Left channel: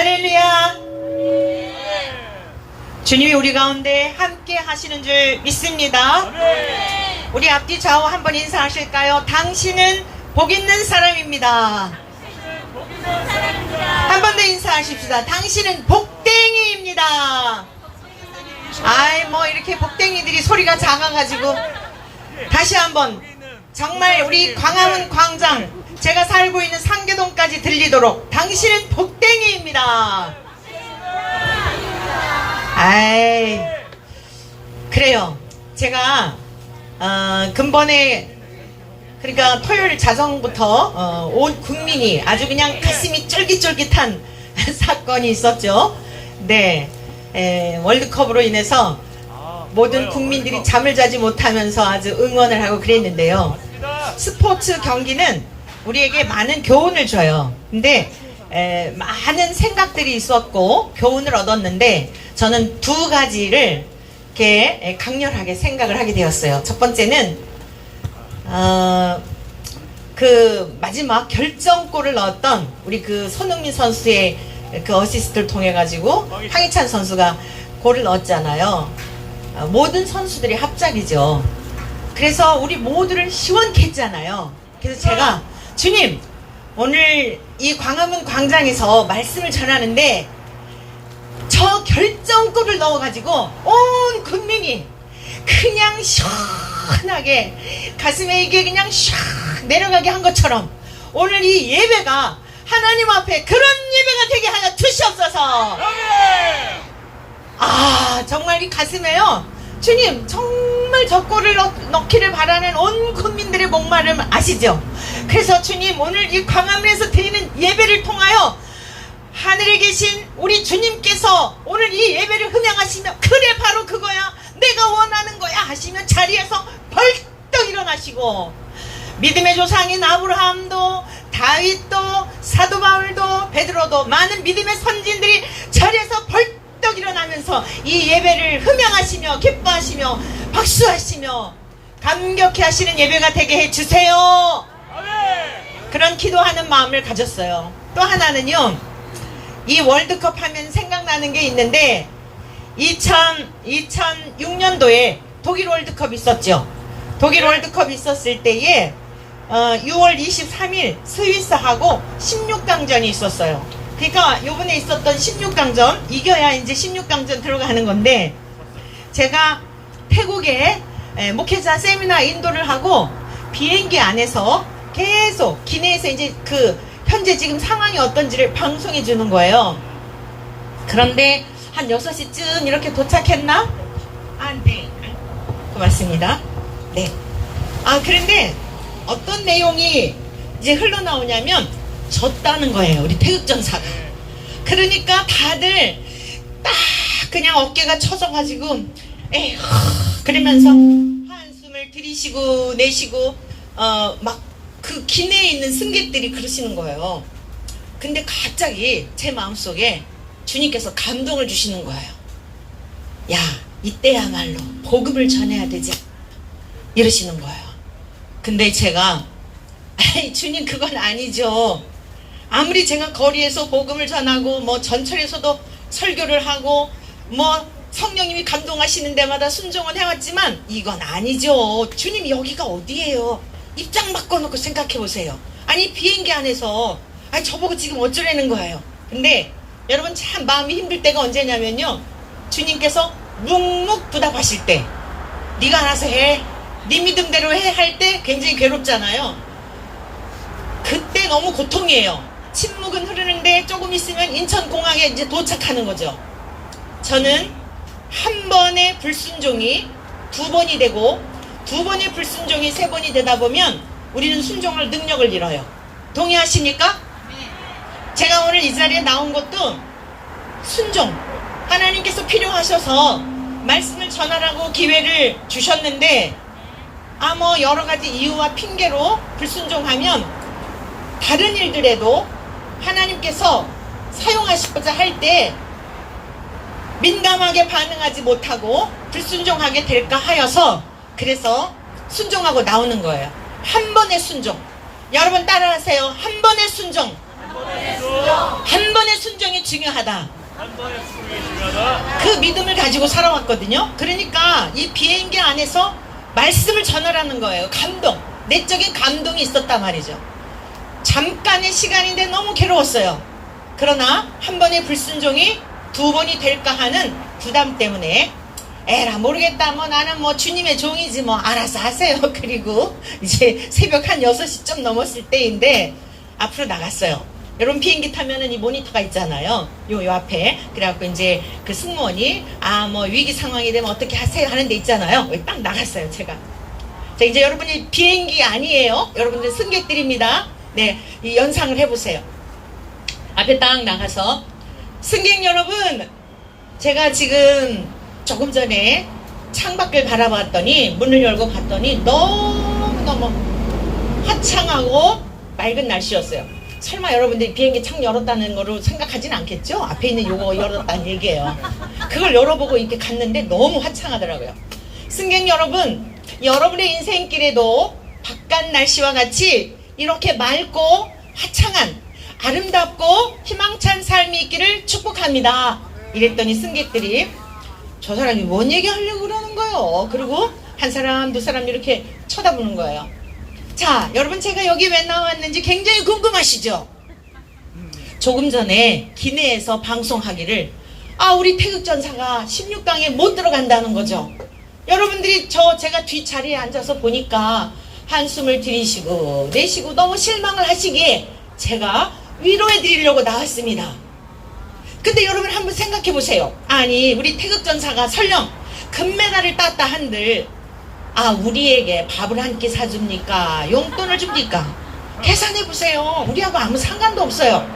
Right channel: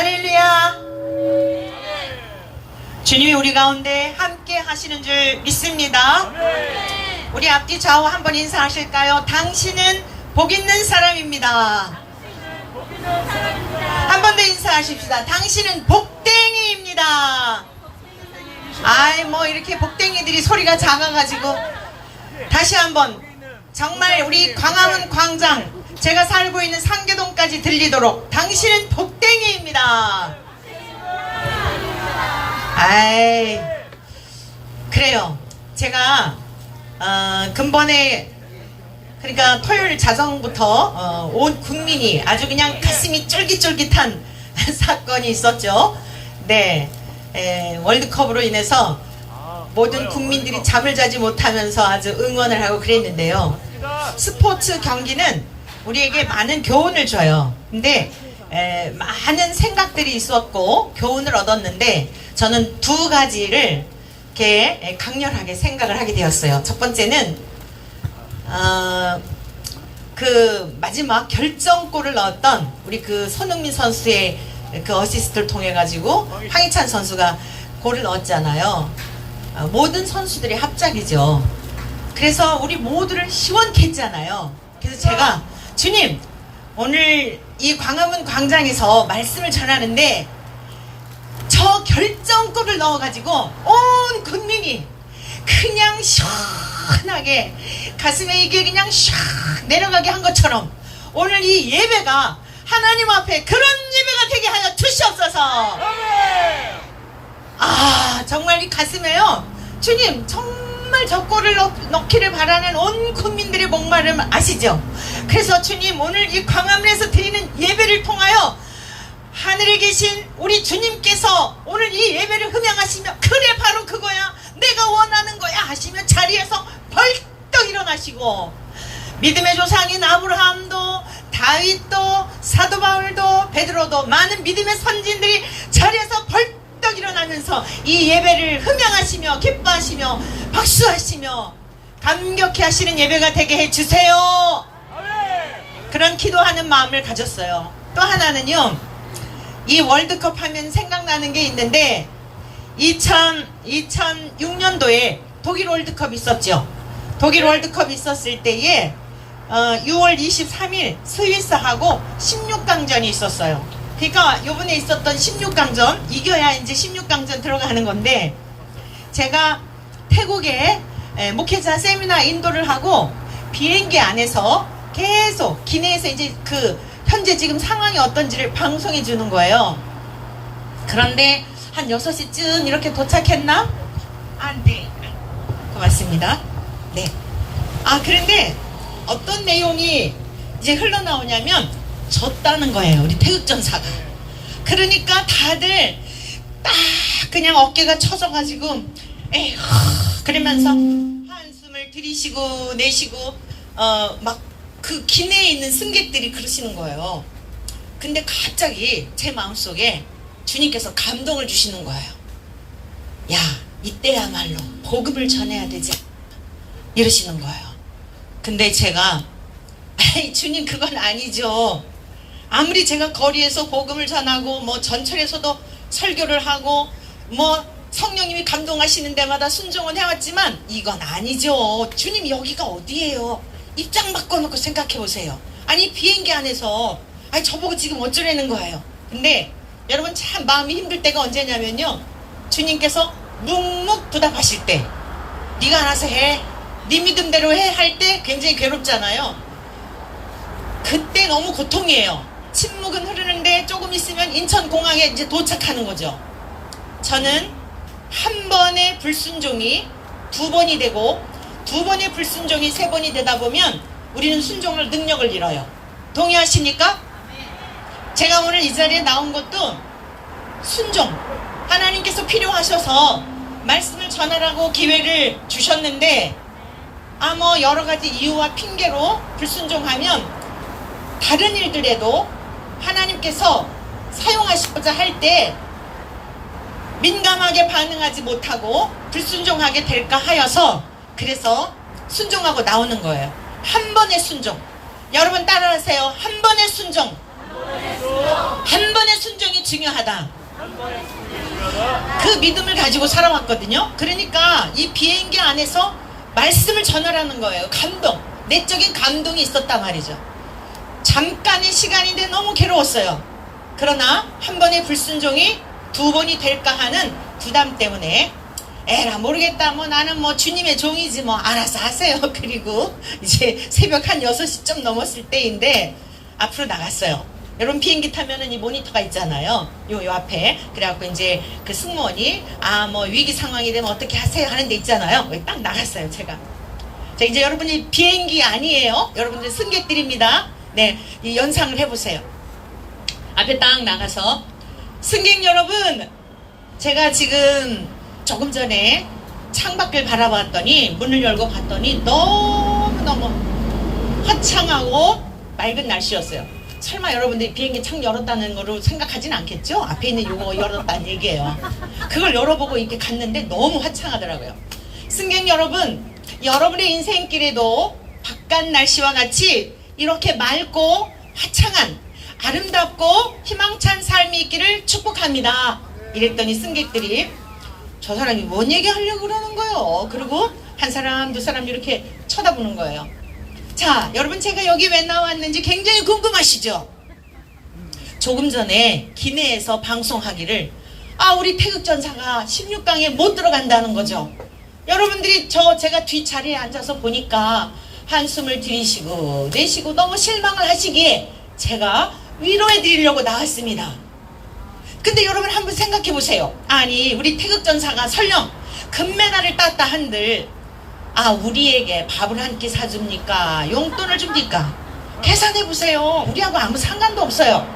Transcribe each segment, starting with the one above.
할렐루야. 주님이 우리 가운데 함께 하시는 줄 믿습니다. 우리 앞뒤 좌우 한번 인사하실까요? 당신은 복 있는 사람입니다. 한 번 더 인사하십시다. 당신은 복댕이입니다. 아이 뭐 이렇게 복댕이들이 소리가 작아가지고 다시 한번 정말 우리 광화문 광장 제가 살고 있는 상계동까지 들리도록 당신은 복댕이입니다. 아이 그래요. 제가 근본에 그러니까 토요일 자정부터 온 국민이 아주 그냥 가슴이 쫄깃쫄깃한 사건이 있었죠. 네, 월드컵으로 인해서 모든 국민들이 잠을 자지 못하면서 아주 응원을 하고 그랬는데요. 스포츠 경기는 우리에게 많은 교훈을 줘요. 근데 많은 생각들이 있었고 교훈을 얻었는데 저는 두 가지를 이렇게 강렬하게 생각을 하게 되었어요. 첫 번째는 그 마지막 결정골을 넣었던 우리 그 손흥민 선수의 그 어시스트를 통해 가지고 황희찬 선수가 골을 넣었잖아요. 모든 선수들이 합작이죠. 그래서 우리 모두를 시원케 했잖아요. 그래서 제가 주님 오늘 이 광화문 광장에서 말씀을 전하는데 저 결정골을 넣어가지고 온 국민이 그냥 시원하게 가슴에 이게 그냥 샥 내려가게 한 것처럼 오늘 이 예배가 하나님 앞에 그런 예배가 되게 하여 주시옵소서. 아 정말 이 가슴에요. 주님 정말 저 골을 넣기를 바라는 온 국민들의 목마름 아시죠? 그래서 주님 오늘 이 광화문에서 드리는 예배를 통하여 하늘에 계신 우리 주님께서 오늘 이 예배를 흠양하시며 그래 바로 그거야 내가 원하는 거야 하시면 자리에서 벌떡 일어나시고 믿음의 조상인 아브라함도 다윗도 사도 바울도 베드로도 많은 믿음의 선진들이 자리에서 벌떡 일어나면서 이 예배를 흠양하시며 기뻐하시며 박수하시며 감격해 하시는 예배가 되게 해주세요. 그런 기도하는 마음을 가졌어요. 또 하나는요, 이 월드컵 하면 생각나는 게 있는데 2006년도에 독일 월드컵 있었죠. 독일 월드컵 있었을 때에 6월 23일 스위스하고 16강전이 있었어요. 그러니까 요번에 있었던 16강전 이겨야 이제 16강전 들어가는 건데 제가 태국에 목회자 세미나 인도를 하고 비행기 안에서 계속 기내에서 이제 그 현재 지금 상황이 어떤지를 방송해 주는 거예요. 그런데 한 6시쯤 이렇게 도착했나? 네. 고맙습니다. 네. 그런데 어떤 내용이 이제 흘러나오냐면 졌다는 거예요. 우리 태극전사가. 그러니까 다들 딱 그냥 어깨가 처져가지고 에휴 그러면서 한숨을 들이쉬고 내쉬고 막 그 기내에 있는 승객들이 그러시는 거예요. 근데 갑자기 제 마음속에 주님께서 감동을 주시는 거예요. 야 이때야말로 복음을 전해야 되지 이러시는 거예요. 근데 제가 에이 주님 그건 아니죠. 아무리 제가 거리에서 복음을 전하고 뭐 전철에서도 설교를 하고 뭐 성령님이 감동하시는 데마다 순종을 해왔지만 이건 아니죠. 주님 여기가 어디예요? 입장 바꿔놓고 생각해보세요. 아니 비행기 안에서 아니 저보고 지금 어쩌라는 거예요. 근데 여러분 참 마음이 힘들 때가 언제냐면요, 주님께서 묵묵부답하실 때 네가 알아서 해, 네 믿음대로 해 할 때 굉장히 괴롭잖아요. 그때 너무 고통이에요. 침묵은 흐르는데 조금 있으면 인천공항에 이제 도착하는 거죠. 저는 한 번의 불순종이 두 번이 되고 두 번의 불순종이 세 번이 되다 보면 우리는 순종할 능력을 잃어요. 동의하십니까? 제가 오늘 이 자리에 나온 것도 순종, 하나님께서 필요하셔서 말씀을 전하라고 기회를 주셨는데 뭐 여러 가지 이유와 핑계로 불순종하면 다른 일들에도 하나님께서 사용하시고자 할 때 민감하게 반응하지 못하고 불순종하게 될까 하여서 그래서 순종하고 나오는 거예요. 한 번의 순종. 여러분 따라하세요. 한 번의 순종. 한 번의 순종이 중요하다. 그 믿음을 가지고 살아왔거든요. 그러니까 이 비행기 안에서 말씀을 전하라는 거예요. 감동, 내적인 감동이 있었단 말이죠. 잠깐의 시간인데 너무 괴로웠어요. 그러나 한 번의 불순종이 두 번이 될까 하는 부담 때문에 에라 모르겠다, 뭐 나는 뭐 주님의 종이지, 뭐 알아서 하세요. 그리고 이제 새벽 한 6시쯤 넘었을 때인데 앞으로 나갔어요. 여러분 비행기 타면은 이 모니터가 있잖아요. 요 앞에. 그래갖고 이제 그 승무원이 뭐 위기 상황이 되면 어떻게 하세요 하는 데 있잖아요. 여기 딱 나갔어요, 제가. 자, 이제 여러분이 비행기 아니에요. 여러분들 승객들입니다. 네, 이 연상을 해보세요. 앞에 딱 나가서 승객 여러분, 제가 지금 조금 전에 창밖을 바라봤더니 문을 열고 봤더니 너무너무 화창하고 맑은 날씨였어요. 설마 여러분들이 비행기 창 열었다는 거로 생각하진 않겠죠? 앞에 있는 요거 열었다는 얘기예요. 그걸 열어보고 이렇게 갔는데 너무 화창하더라고요. 승객 여러분, 여러분의 인생길에도 바깥 날씨와 같이 이렇게 맑고 화창한 아름답고 희망찬 삶이 있기를 축복합니다. 이랬더니 승객들이 저 사람이 뭔 얘기 하려고 그러는 거예요. 그리고 한 사람 두 사람 이렇게 쳐다보는 거예요. 자, 여러분 제가 여기 왜 나왔는지 굉장히 궁금하시죠? 조금 전에 기내에서 방송하기를 우리 태극전사가 16강에 못 들어간다는 거죠. 여러분들이 제가 뒷자리에 앉아서 보니까 한숨을 들이쉬고 내쉬고 너무 실망을 하시기에 제가 위로해 드리려고 나왔습니다. 근데 여러분 한번 생각해 보세요. 아니 우리 태극전사가 설령 금메달을 땄다 한들 우리에게 밥을 한 끼 사줍니까? 용돈을 줍니까? 계산해 보세요. 우리하고 아무 상관도 없어요.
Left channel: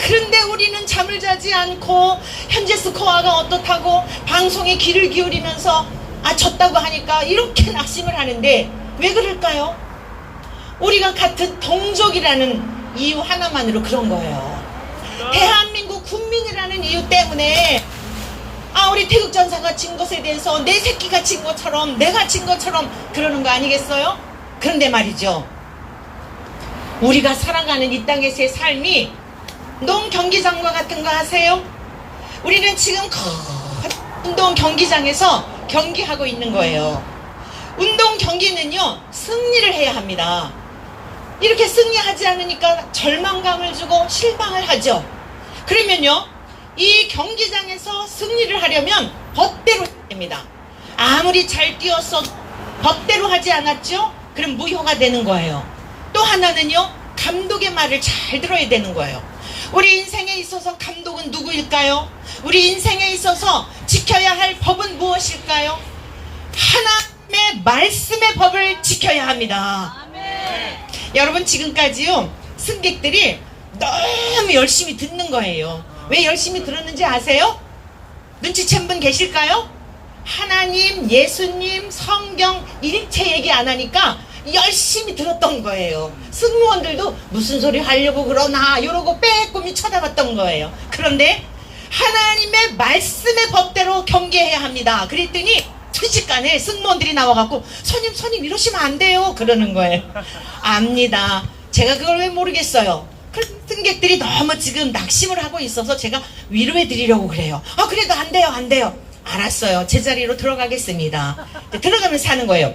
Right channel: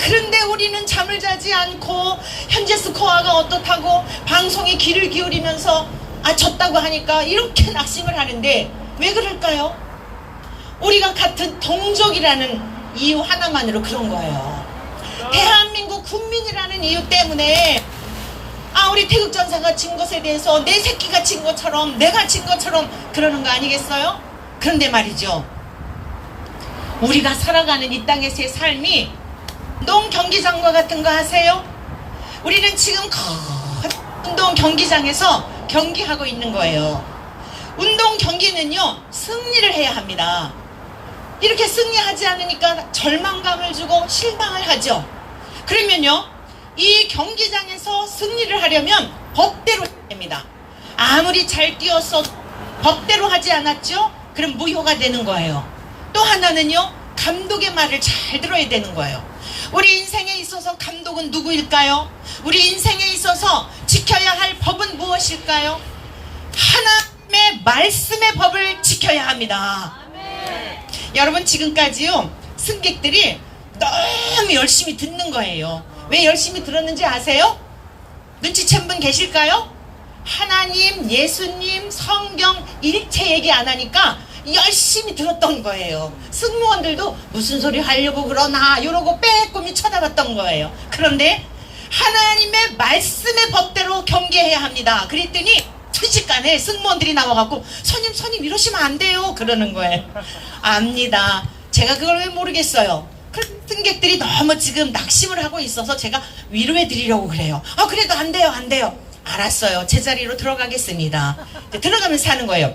그런데 우리는 잠을 자지 않고 현재 스코어가 어떻다고 방송에 귀를 기울이면서 졌다고 하니까 이렇게 낙심을 하는데 왜 그럴까요? 우리가 같은 동족이라는 이유 하나만으로 그런 거예요. 대한민국 국민이라는 이유 때문에 우리 태극전사가 진 것에 대해서 내 새끼가 진 것처럼 내가 진 것처럼 그러는 거 아니겠어요? 그런데 말이죠, 우리가 살아가는 이 땅에서의 삶이 농경기장과 같은 거 아세요? 우리는 지금 운동 경기장에서 경기하고 있는 거예요. 운동 경기는요 승리를 해야 합니다. 이렇게 승리하지 않으니까 절망감을 주고 실망을 하죠. 그러면요 이 경기장에서 승리를 하려면 법대로 해야 됩니다. 아무리 잘 뛰었어도 법대로 하지 않았죠? 그럼 무효가 되는 거예요. 또 하나는요 감독의 말을 잘 들어야 되는 거예요. 우리 인생에 있어서 감독은 누구일까요? 우리 인생에 있어서 지켜야 할 법은 무엇일까요? 하나님의 말씀의 법을 지켜야 합니다. 아멘. 여러분 지금까지요 승객들이 너무 열심히 듣는 거예요. 왜 열심히 들었는지 아세요? 눈치챈 분 계실까요? 하나님, 예수님, 성경 일체 얘기 안 하니까 열심히 들었던 거예요. 승무원들도 무슨 소리 하려고 그러나 이러고 빼꼼히 쳐다봤던 거예요. 그런데 하나님의 말씀의 법대로 경계해야 합니다. 그랬더니 순식간에 승무원들이 나와갖고 손님 이러시면 안 돼요 그러는 거예요. 압니다. 제가 그걸 왜 모르겠어요. 승객들이 너무 지금 낙심을 하고 있어서 제가 위로해 드리려고 그래요. 그래도 안 돼요. 알았어요. 제자리로 들어가겠습니다. 들어가면서 하는 거예요.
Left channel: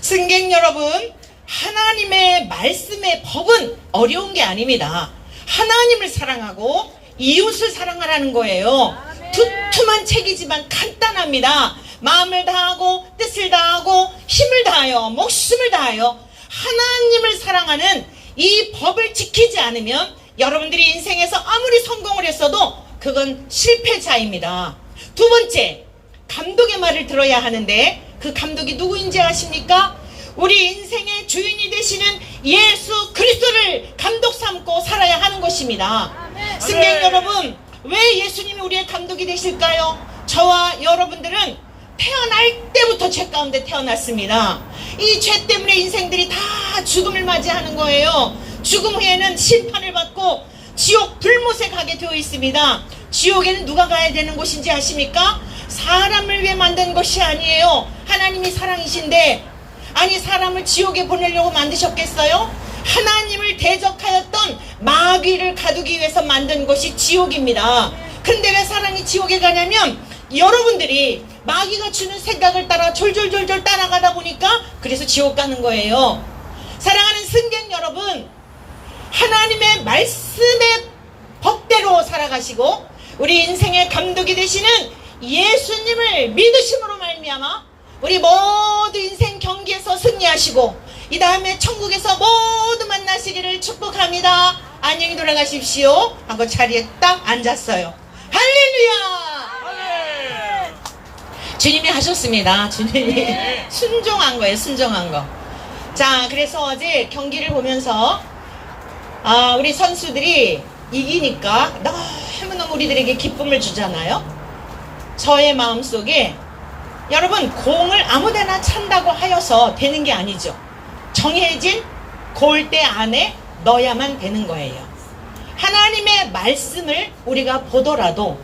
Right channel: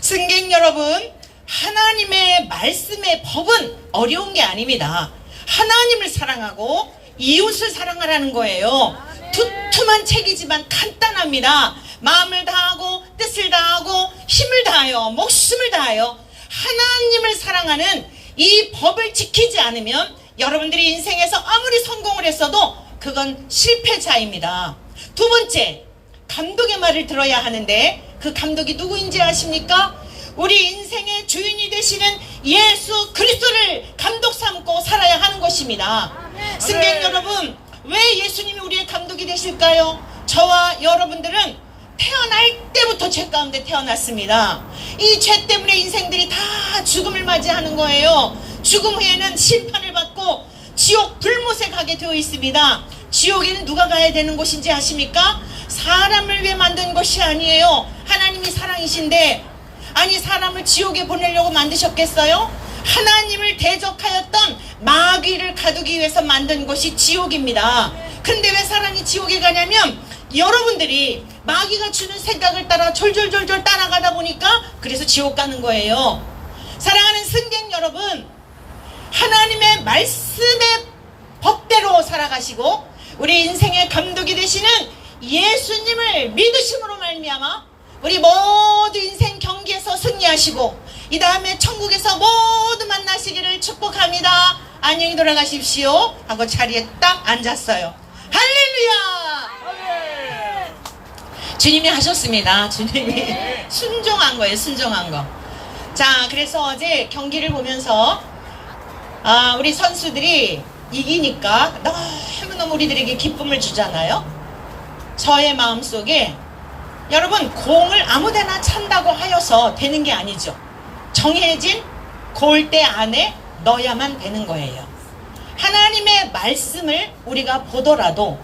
승객 여러분, 하나님의 말씀의 법은 어려운 게 아닙니다. 하나님을 사랑하고 이웃을 사랑하라는 거예요. 두툼한 책이지만 간단합니다. 마음을 다하고 뜻을 다하고 힘을 다하여 목숨을 다하여 하나님을 사랑하는 이 법을 지키지 않으면 여러분들이 인생에서 아무리 성공을 했어도 그건 실패자입니다. 두 번째, 감독의 말을 들어야 하는데 그 감독이 누구인지 아십니까? 우리 인생의 주인이 되시는 예수 그리스도를 감독 삼고 살아야 하는 것입니다. 승객 여러분, 왜 예수님이 우리의 감독이 되실까요? 저와 여러분들은 태어날 때부터 죄 가운데 태어났습니다. 이 죄 때문에 인생들이 다 죽음을 맞이하는 거예요. 죽음 후에는 심판을 받고 지옥 불못에 가게 되어 있습니다. 지옥에는 누가 가야 되는 곳인지 아십니까? 사람을 위해 만든 것이 아니에요. 하나님이 사랑이신데, 아니 사람을 지옥에 보내려고 만드셨겠어요? 하나님을 대적하였던 마귀를 가두기 위해서 만든 곳이 지옥입니다. 근데 왜 사람이 지옥에 가냐면 여러분들이 마귀가 주는 생각을 따라 졸졸졸졸 따라가다 보니까 그래서 지옥 가는 거예요. 사랑하는 승객 여러분, 하나님의 말씀의 법대로 살아가시고 우리 인생의 감독이 되시는 예수님을 믿으심으로 말미암아 우리 모두 인생 경기에서 승리하시고 이 다음에 천국에서 모두 만나시기를 축복합니다. 안녕히 돌아가십시오 하고 자리에 딱 앉았어요. 할렐루야! 주님이 하셨습니다. 주님이 순종한 거예요. 순종한 거. 자, 그래서 어제 경기를 보면서 우리 선수들이 이기니까 너무너무 우리들에게 기쁨을 주잖아요. 저의 마음속에 여러분, 공을 아무데나 찬다고 하여서 되는 게 아니죠. 정해진 골대 안에 넣어야만 되는 거예요. 하나님의 말씀을 우리가 보더라도,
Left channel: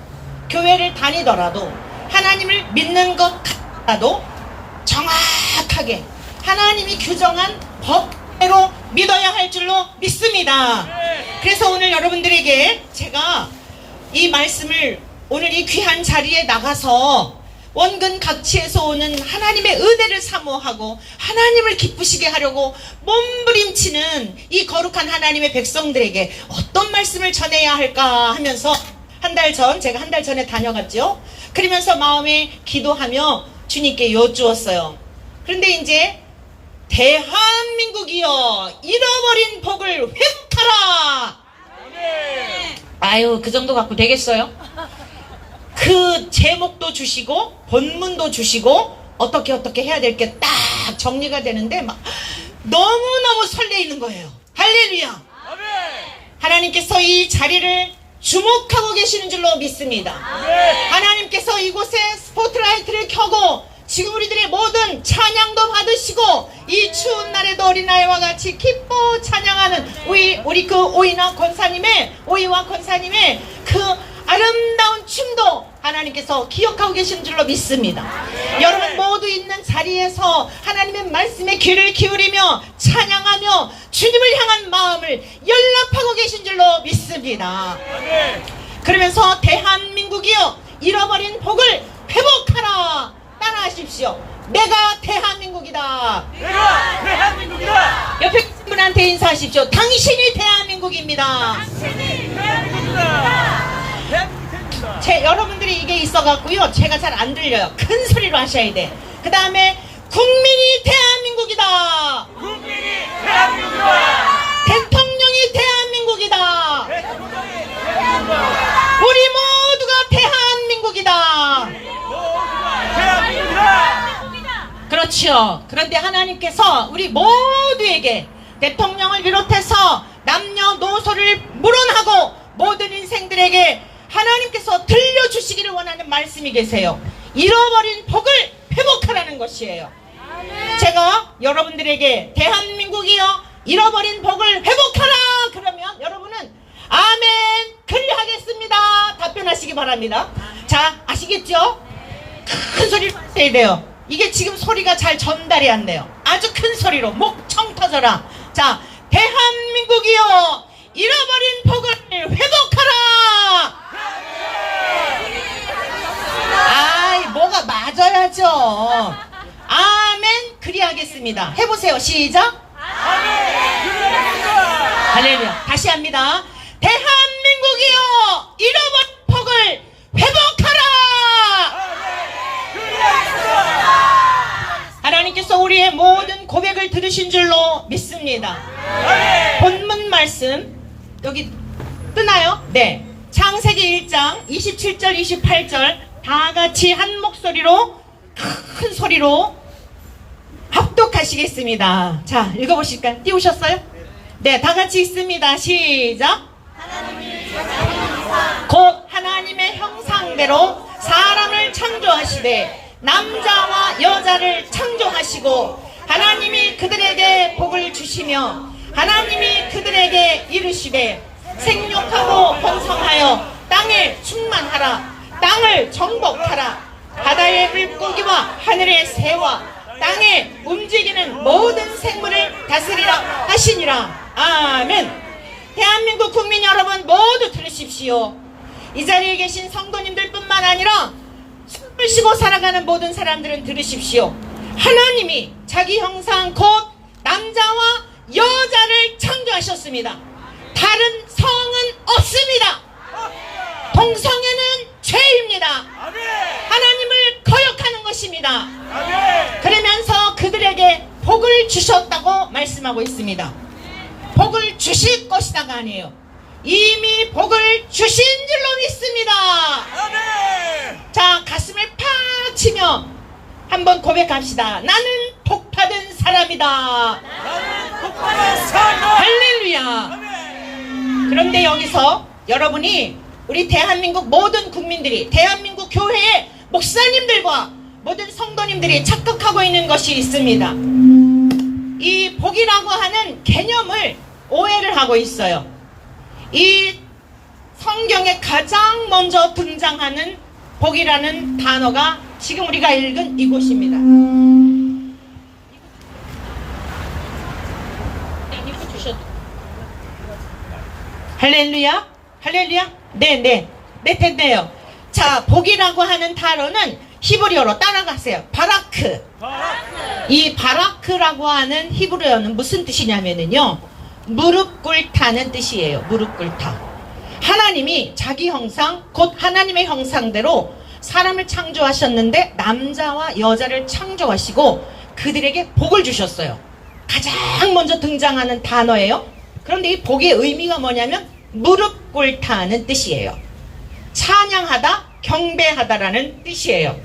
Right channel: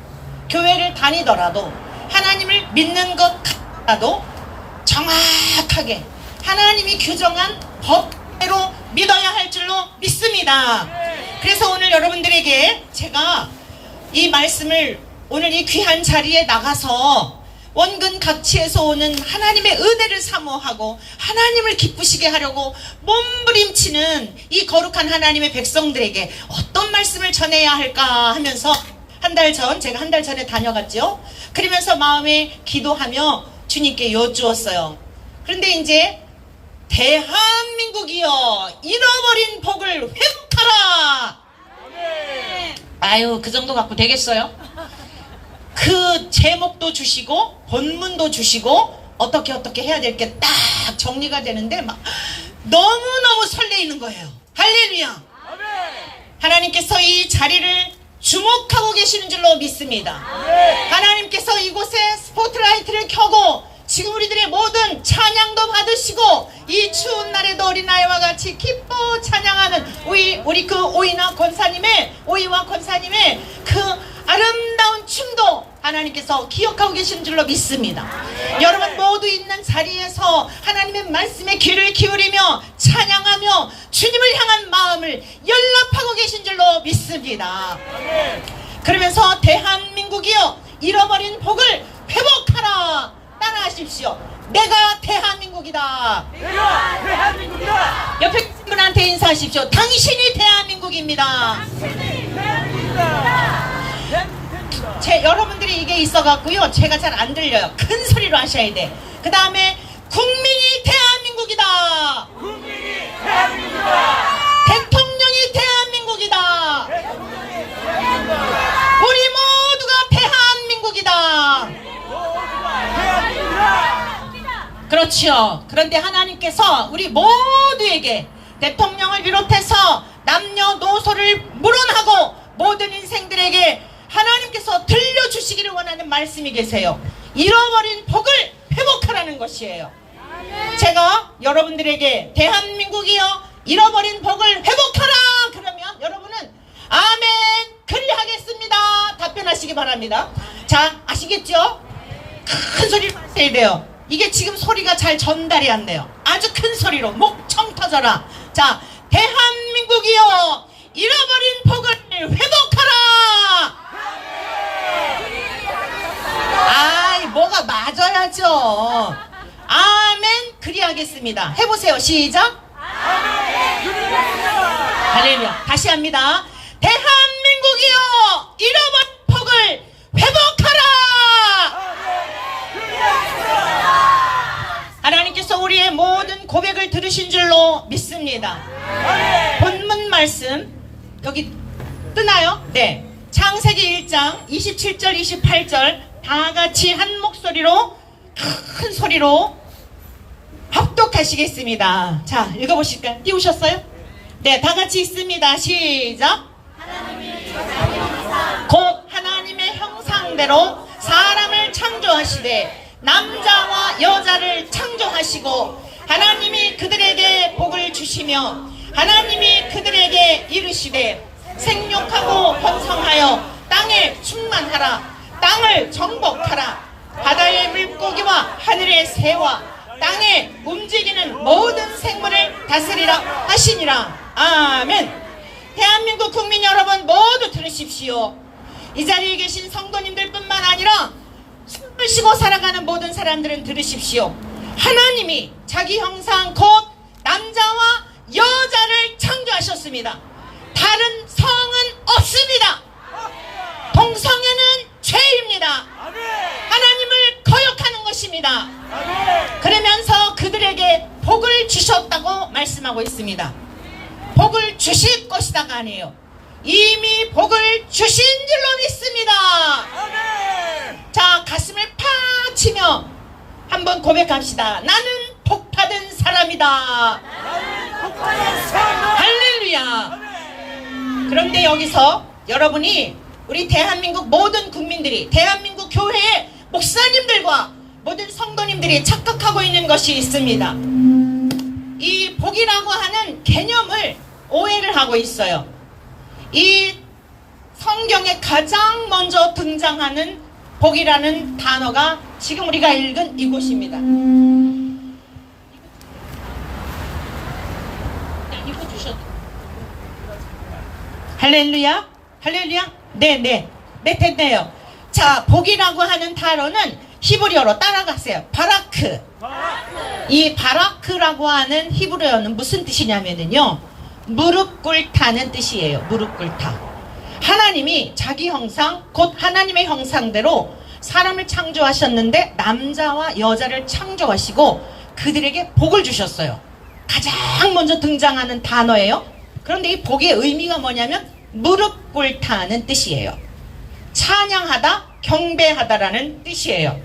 교회를 다니더라도, 하나님을 믿는 것 같더라도 정확하게 하나님이 규정한 법대로 믿어야 할 줄로 믿습니다. 그래서 오늘 여러분들에게 제가 이 말씀을 오늘 이 귀한 자리에 나가서 원근 각지에서 오는 하나님의 은혜를 사모하고 하나님을 기쁘시게 하려고 몸부림치는 이 거룩한 하나님의 백성들에게 어떤 말씀을 전해야 할까 하면서 제가 한 달 전에 다녀갔죠. 그러면서 마음에 기도하며 주님께 여쭈었어요. 그런데 이제 대한민국이여 잃어버린 복을 회복하라. 아유, 그 정도 갖고 되겠어요? 그 제목도 주시고 본문도 주시고 어떻게 해야 될 게 딱 정리가 되는데 막 너무너무 설레이는 거예요. 할렐루야. 하나님께서 이 자리를 주목하고 계시는 줄로 믿습니다. 하나님께서 이곳에 스포트라이트를 켜고 지금 우리들의 모든 찬양도 받으시고 이 추운 날에도 어린아이와 같이 기뻐 찬양하는 우리 그 오이와 권사님의 그 아름다운 춤도 하나님께서 기억하고 계신 줄로 믿습니다. 여러분 모두 있는 자리에서 하나님의 말씀에 귀를 기울이며 찬양하며 주님을 향한 마음을 연락하고 계신 줄로 믿습니다. 그러면서 대한민국이여 잃어버린 복을 회복하라. 따라하십시오. 내가 대한민국이다. 내가 대한민국이다. 옆에 계신 분한테 인사하십시오. 당신이 대한민국입니다. 당신이 대한민국이다. 여러분들이 이게 있어갖고요, 제가 잘 안 들려요. 큰 소리로 하셔야 돼. 그 다음에 국민이 대한민국이다. 국민이 대한민국이다. 대통령이 대한민국이다. 대통령이 대한민국이다. 우리 모두가 대한민국이다. 대한민국이다. 그렇죠. 그런데 하나님께서 우리 모두에게 대통령을 비롯해서 남녀노소를 물어나고 모든 인생들에게 하나님께서 들려주시기를 원하는 말씀이 계세요. 잃어버린 복을 회복하라는 것이에요. 제가 여러분들에게 대한민국이여 잃어버린 복을 회복하라 그러면 여러분은 아멘 그리하겠습니다 답변하시기 바랍니다. 자, 아시겠죠? 큰 소리로 하셔야 돼요. 이게 지금 소리가 잘 전달이 안 돼요. 아주 큰 소리로 목청 터져라. 자, 대한민국이여 잃어버린 복을 회복하라. 아이, 뭐가 맞아야죠. 아멘 그리하겠습니다. 해보세요. 시작. 할렐루야. 다시 합니다. 대한민국이여 잃어버린 복을 회복하라. 하나님께서 우리의 모든 고백을 들으신 줄로 믿습니다. 본문 말씀 여기 뜨나요? 네. 창세기 1장 27절 28절 다 같이 한 목소리로 큰 소리로 합독하시겠습니다. 자, 읽어보실까요? 띄우셨어요? 네, 다 같이 있습니다. 시작. 곧 하나님의 형상대로 사람을 창조하시되 남자와 여자를 창조하시고 하나님이 그들에게 복을 주시며 하나님이 그들에게 이르시되 생육하고 번성하여 땅에 충만하라. 땅을 정복하라. 바다의 물고기와 하늘의 새와 땅에 움직이는 모든 생물을 다스리라 하시니라. 아멘. 대한민국 국민 여러분 모두 들으십시오. 이 자리에 계신 성도님들 뿐만 아니라 숨을 쉬고 살아가는 모든 사람들은 들으십시오. 하나님이 자기 형상 곧 남자와 여자를 창조하셨습니다. 다른 성은 없습니다. 동성애는 죄입니다. 하나님을 거역하는 것입니다. 그러면서 그들에게 복을 주셨다고 말씀하고 있습니다. 복을 주실 것이다가 아니에요. 이미 복을 주신 줄로 믿습니다. 자, 가슴을 팍 치며 한번 고백합시다. 나는 복받은 사람이다. 할렐루야. 그런데 여기서 여러분이 우리 대한민국 모든 국민들이, 대한민국 교회의 목사님들과 모든 성도님들이 착각하고 있는 것이 있습니다. 이 복이라고 하는 개념을 오해를 하고 있어요. 이 성경에 가장 먼저 등장하는 복이라는 단어가 지금 우리가 읽은 이곳입니다. 할렐루야? 할렐루야? 네, 됐네요. 자, 복이라고 하는 단어는 히브리어로 따라가세요. 바라크. 이 바라크라고 하는 히브리어는 무슨 뜻이냐면요, 무릎 꿇다는 뜻이에요. 무릎 꿇다. 하나님이 자기 형상, 곧 하나님의 형상대로 사람을 창조하셨는데 남자와 여자를 창조하시고 그들에게 복을 주셨어요. 가장 먼저 등장하는 단어예요. 그런데 이 복의 의미가 뭐냐면 무릎 꿇다는 뜻이에요. 찬양하다, 경배하다라는 뜻이에요.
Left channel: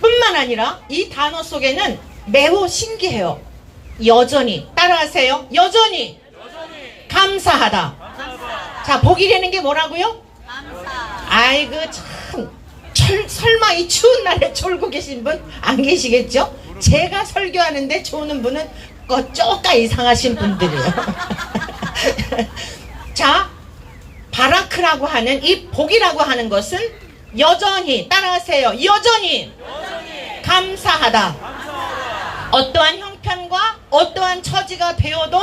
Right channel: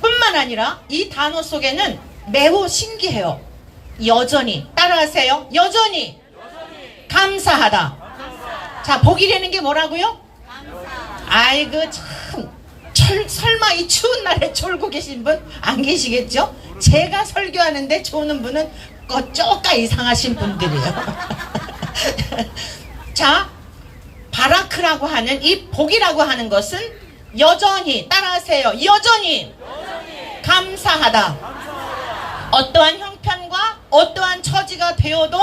뿐만 아니라 이 단어 속에는 매우 신기해요. 여전히, 따라하세요. 여전히 감사하다. 자, 복이라는 게 뭐라고요? 감사. 아이고 참, 설마 이 추운 날에 졸고 계신 분 안 계시겠죠? 제가 설교하는데 조는 분은 쪼까 이상하신 분들이에요. 자, 바라크라고 하는 이 복이라고 하는 것은 여전히, 따라하세요. 여전히 감사하다. 어떠한 형편과 어떠한 처지가 되어도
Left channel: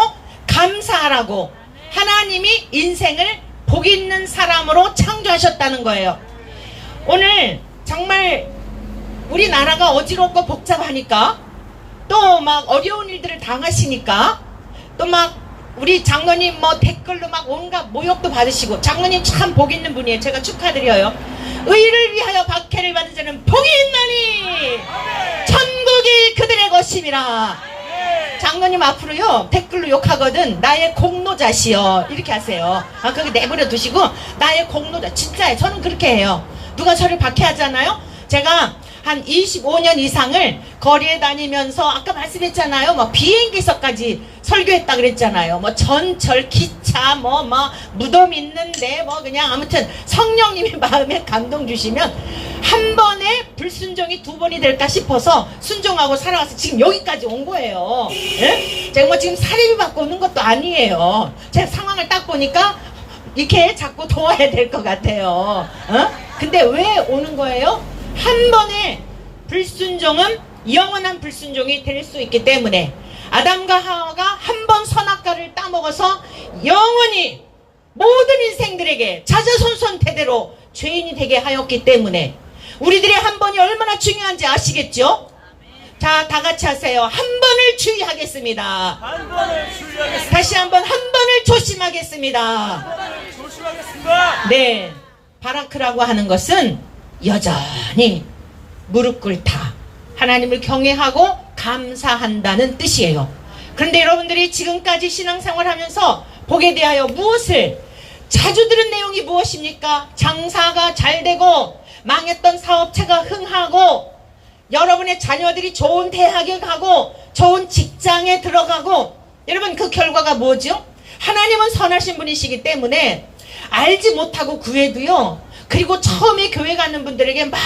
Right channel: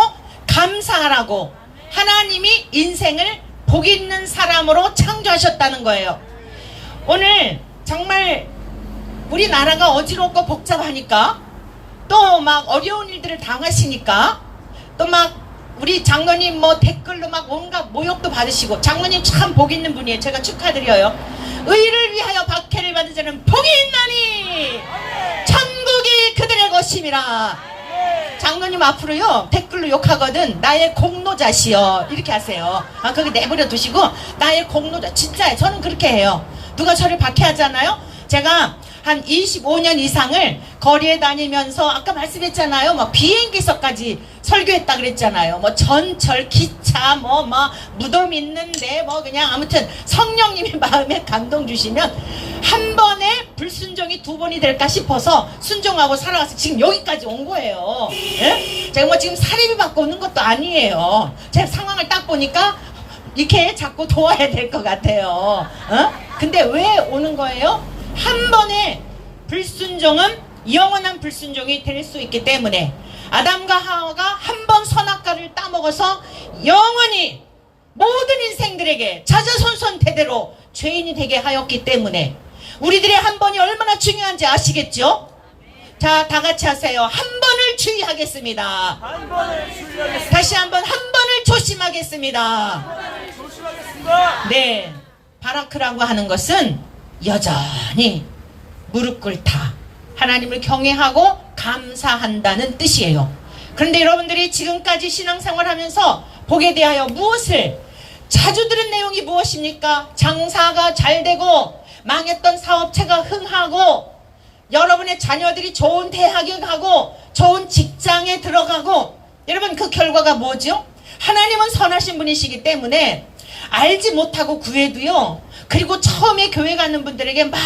감사하라고 하나님이 인생을 복 있는 사람으로 창조하셨다는 거예요. 오늘 정말 우리나라가 어지럽고 복잡하니까, 또 막 어려운 일들을 당하시니까, 또 막 우리 장로님 뭐 댓글로 막 온갖 모욕도 받으시고, 장로님 참 복 있는 분이에요. 제가 축하드려요. 의를 위하여 박해를 받은 자는 복이 있나니 천국이 그들의 것임이라. 장로님 앞으로요 댓글로 욕하거든. 나의 공로자시여 이렇게 하세요. 아, 거기 내버려 두시고 나의 공로자. 진짜예요. 저는 그렇게 해요. 누가 저를 박해하잖아요. 제가 한 25년 이상을 거리에 다니면서 아까 말씀했잖아요. 뭐 비행기석까지 설교했다 그랬잖아요. 뭐 전철, 기차, 뭐 무덤 있는데 뭐 그냥 아무튼 성령님이 마음에 감동 주시면 한 번에 불순종이 두 번이 될까 싶어서 순종하고 살아가서 지금 여기까지 온 거예요. 예? 제가 뭐 지금 사례비 받고 오는 것도 아니에요. 제 상황을 딱 보니까 이렇게 자꾸 도와야 될 것 같아요. 근데 왜 오는 거예요? 한 번의 불순종은 영원한 불순종이 될 수 있기 때문에, 아담과 하와가 한 번 선악과를 따먹어서 영원히 모든 인생들에게 자자손손 대대로 죄인이 되게 하였기 때문에 우리들의 한 번이 얼마나 중요한지 아시겠죠? 자, 다 같이 하세요. 한 번을 주의하겠습니다. 한 번을 주의하겠습니다. 다시 한번 한 번을 조심하겠습니다. 한 번을 조심하겠습니다. 네, 바라크라고 하는 것은 여전히 무릎 꿇다, 하나님을 경외하고 감사한다는 뜻이에요. 그런데 여러분들이 지금까지 신앙생활 하면서 복에 대하여 무엇을 자주 들은 내용이 무엇입니까? 장사가 잘 되고 망했던 사업체가 흥하고 여러분의 자녀들이 좋은 대학에 가고 좋은 직장에 들어가고, 여러분 그 결과가 뭐죠? 하나님은 선하신 분이시기 때문에 알지 못하고 구해도요, 그리고 처음에 교회 가는 분들에게 막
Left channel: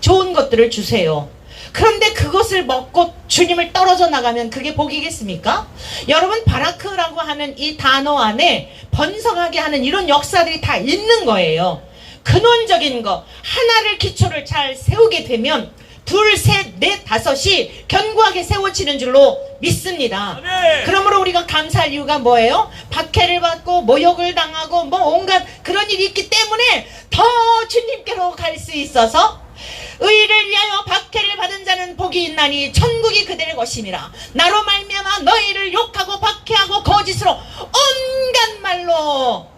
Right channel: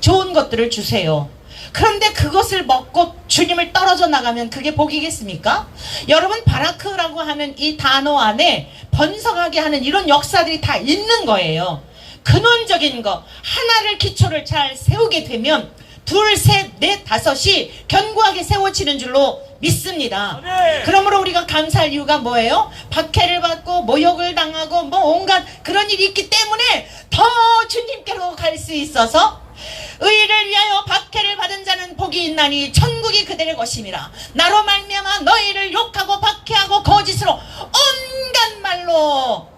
좋은 것들을 주세요. 그런데 그것을 먹고 주님을 떨어져 나가면 그게 복이겠습니까? 여러분, 바라크라고 하는 이 단어 안에 번성하게 하는 이런 역사들이 다 있는 거예요. 근원적인 거 하나를 기초를 잘 세우게 되면 둘, 셋, 넷, 다섯이 견고하게 세워지는 줄로 믿습니다. 아멘. 그러므로 우리가 감사할 이유가 뭐예요? 박해를 받고 모욕을 당하고 뭐 온갖 그런 일이 있기 때문에 더 주님께로 갈 수 있어서 의를 위하여 박해를 받은 자는 복이 있나니 천국이 그들의 것임이라. 나로 말미암아 너희를 욕하고 박해하고 거짓으로 온갖 말로.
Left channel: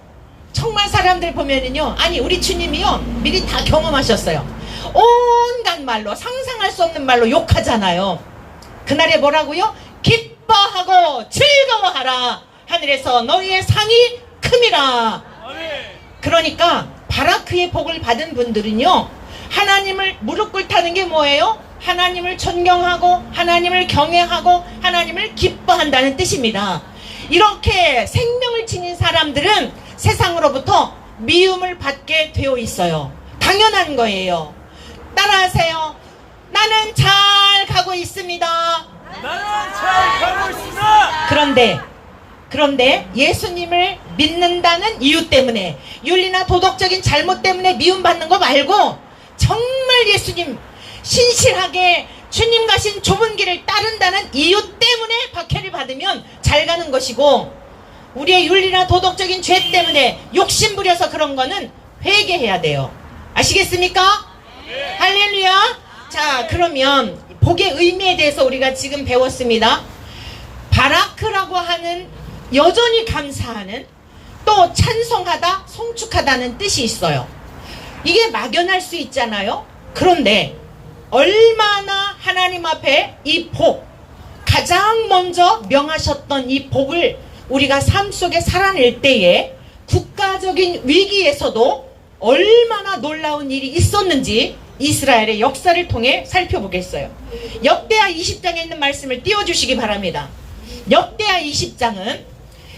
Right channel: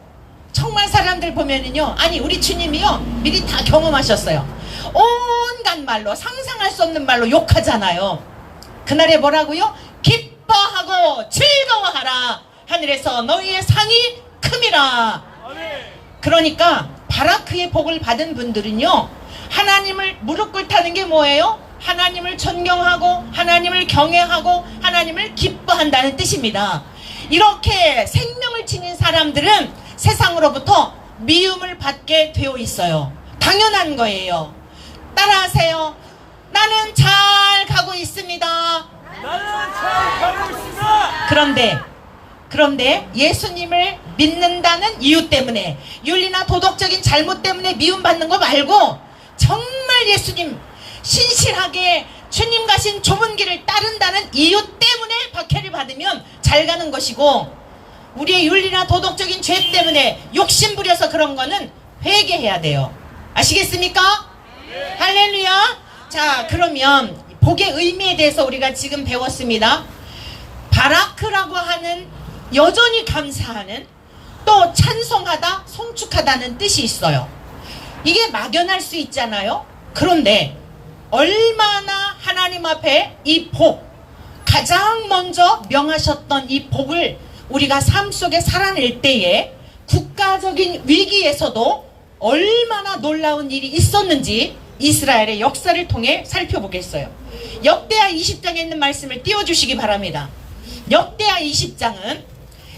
정말 사람들 보면은요, 아니 우리 주님이요 미리 다 경험하셨어요. 온갖 말로, 상상할 수 없는 말로 욕하잖아요. 그날에 뭐라고요? 기뻐하고 즐거워하라. 하늘에서 너희의 상이 큼이라. 그러니까 바라크의 복을 받은 분들은요, 하나님을 무릎 꿇다는 게 뭐예요? 하나님을 존경하고 하나님을 경외하고 하나님을 기뻐한다는 뜻입니다. 이렇게 생명을 지닌 사람들은 세상으로부터 미움을 받게 되어 있어요. 당연한 거예요. 따라하세요. 나는 잘 가고 있습니다. 나는 잘 가고 있습니다. 그런데 예수님을 믿는다는 이유 때문에, 윤리나 도덕적인 잘못 때문에 미움받는 거 말고 정말 예수님 신실하게 주님 가신 좁은 길을 따른다는 이유 때문에 박해를 받으면 잘 가는 것이고, 우리의 윤리나 도덕적인 죄 때문에 욕심부려서 그런 거는 회개해야 돼요. 아시겠습니까? 네. 할렐루야. 자, 그러면 복의 의미에 대해서 우리가 지금 배웠습니다. 바라크라고 하는, 여전히 감사하는, 또 찬송하다, 송축하다는 뜻이 있어요. 이게 막연할 수 있잖아요. 그런데 얼마나 하나님 앞에 이 복, 가장 먼저 명하셨던 이 복을 우리가 삶 속에 살아낼 때에 국가적인 위기에서도 얼마나 놀라운 일이 있었는지 이스라엘의 역사를 통해 살펴보겠어요. 역대하 20장에 있는 말씀을 띄워주시기 바랍니다. 역대하 20장은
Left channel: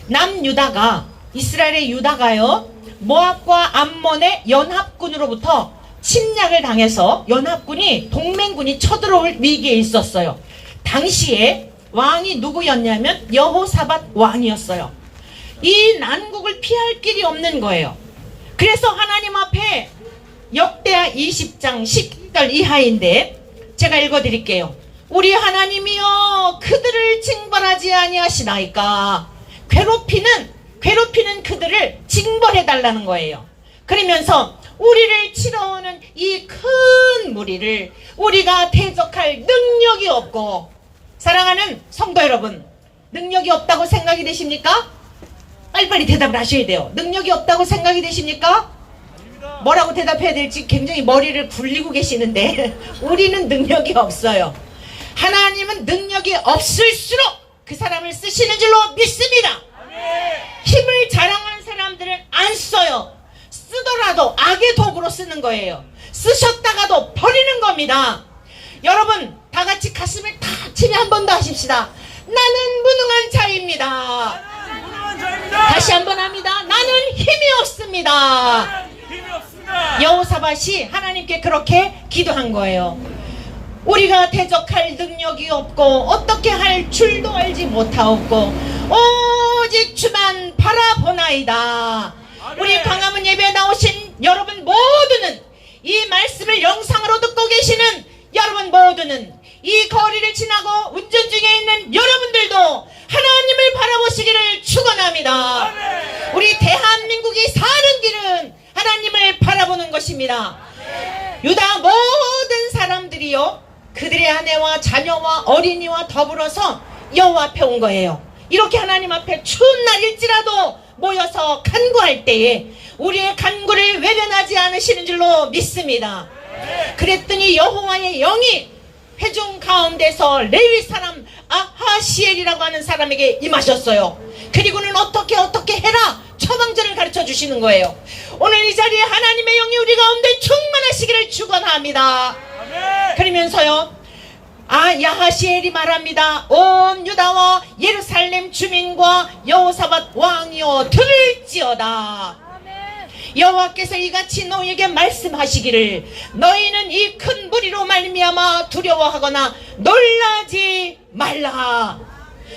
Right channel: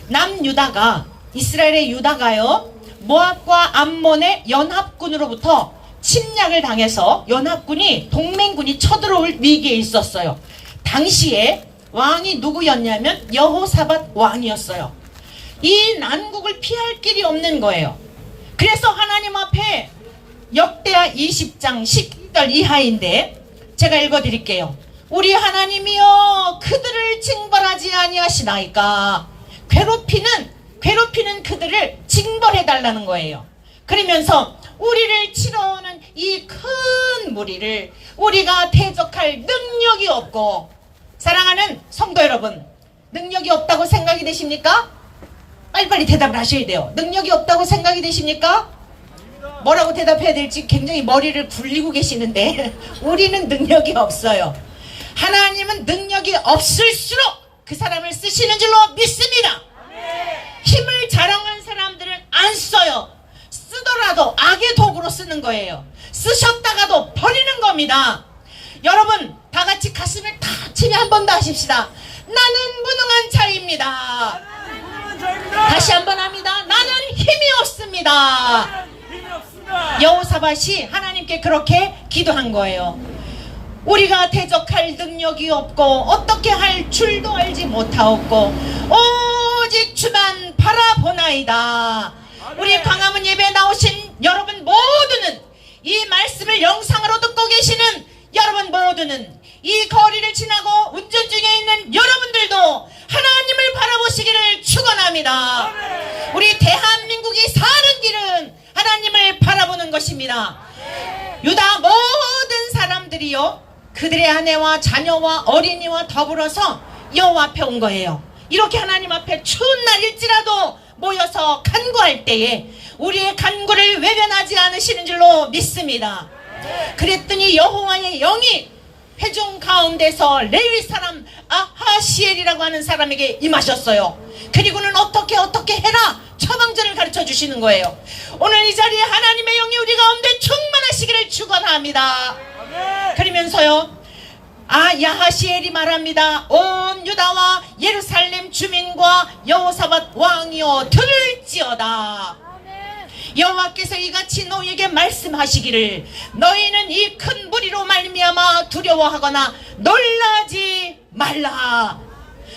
남유다가, 이스라엘의 유다가요, 모압과 암몬의 연합군으로부터 침략을 당해서 연합군이, 동맹군이 쳐들어올 위기에 있었어요. 당시에 왕이 누구였냐면 여호사밧 왕이었어요. 이 난국을 피할 길이 없는 거예요. 그래서 하나님 앞에 역대하 20장 12절 이하인데 제가 읽어드릴게요. 우리 하나님이여 그들을 징벌하지 아니하시나이까. 괴롭히는 그들을 징벌해달라는 거예요. 그러면서 우리를 치러오는 이 큰 무리를 우리가 대적할 능력이 없고, 사랑하는 성도 여러분, 능력이 없다고 생각이 되십니까? 빨리빨리 대답을 하셔야 돼요. 능력이 없다고 생각이 되십니까? 뭐라고 대답해야 될지 굉장히 머리를 굴리고 계시는데 우리는 능력이 없어요. 하나님은 능력이 없을수록 그 사람을 쓰시는 줄로 믿습니다. 힘을 자랑하는 사람들은 안 써요. 쓰더라도 악의 도구로 쓰는 거예요. 쓰셨다가도 버리는 겁니다. 여러분, 다 같이 가슴을 탁 치며 한 번 더 하십시다. 나는 무능한 자입니다. 다시 한 번 합니다. 나는 힘이 없습니다. 여호사밧이 하나님께 그렇게 기도한 거예요. 우리가 대적할 능력이 없고 어떻게 할 줄도 알지 못하옵고 오직 주만 바라보나이다. 우리 광화문 예배에 나오신 여러분 모두는, 이 말씀을 영상으로 듣고 계시는 여러분 모두는, 이 거리를 지나고 운전 중에 있는 여러분들도 하나님을 바라보시기를 축원합니다. 우리 대한민국이 사는 길은 하나님을 바라보는 것입니다. 유다 모든 사람들이요, 그들의 아내와 자녀와 어린이와 더불어서 여호와 앞에 온 거예요. 이렇게 하나님 앞에 추운 날일지라도 모여서 간구할 때에 우리의 간구를 외면하지 않으시는 줄로 믿습니다. 그랬더니 여호와의 영이 회중 가운데서 레위 사람 아하시엘이라고 하는 사람에게 임하셨어요. 그리고는 어떻게 해라 처방전을 가르쳐 주시는 거예요. 오늘 이 자리에 하나님의 영이 우리 가운데 충만하시기를 축원합니다. 그러면서요, 야하시엘이 말합니다. 온 유다와 예루살렘 주민과 여호사밧 왕이여 들을지어다. 여호와께서 이같이 너희에게 말씀하시기를 너희는 이 큰 무리로 말미암아 두려워하거나 놀라지 말라.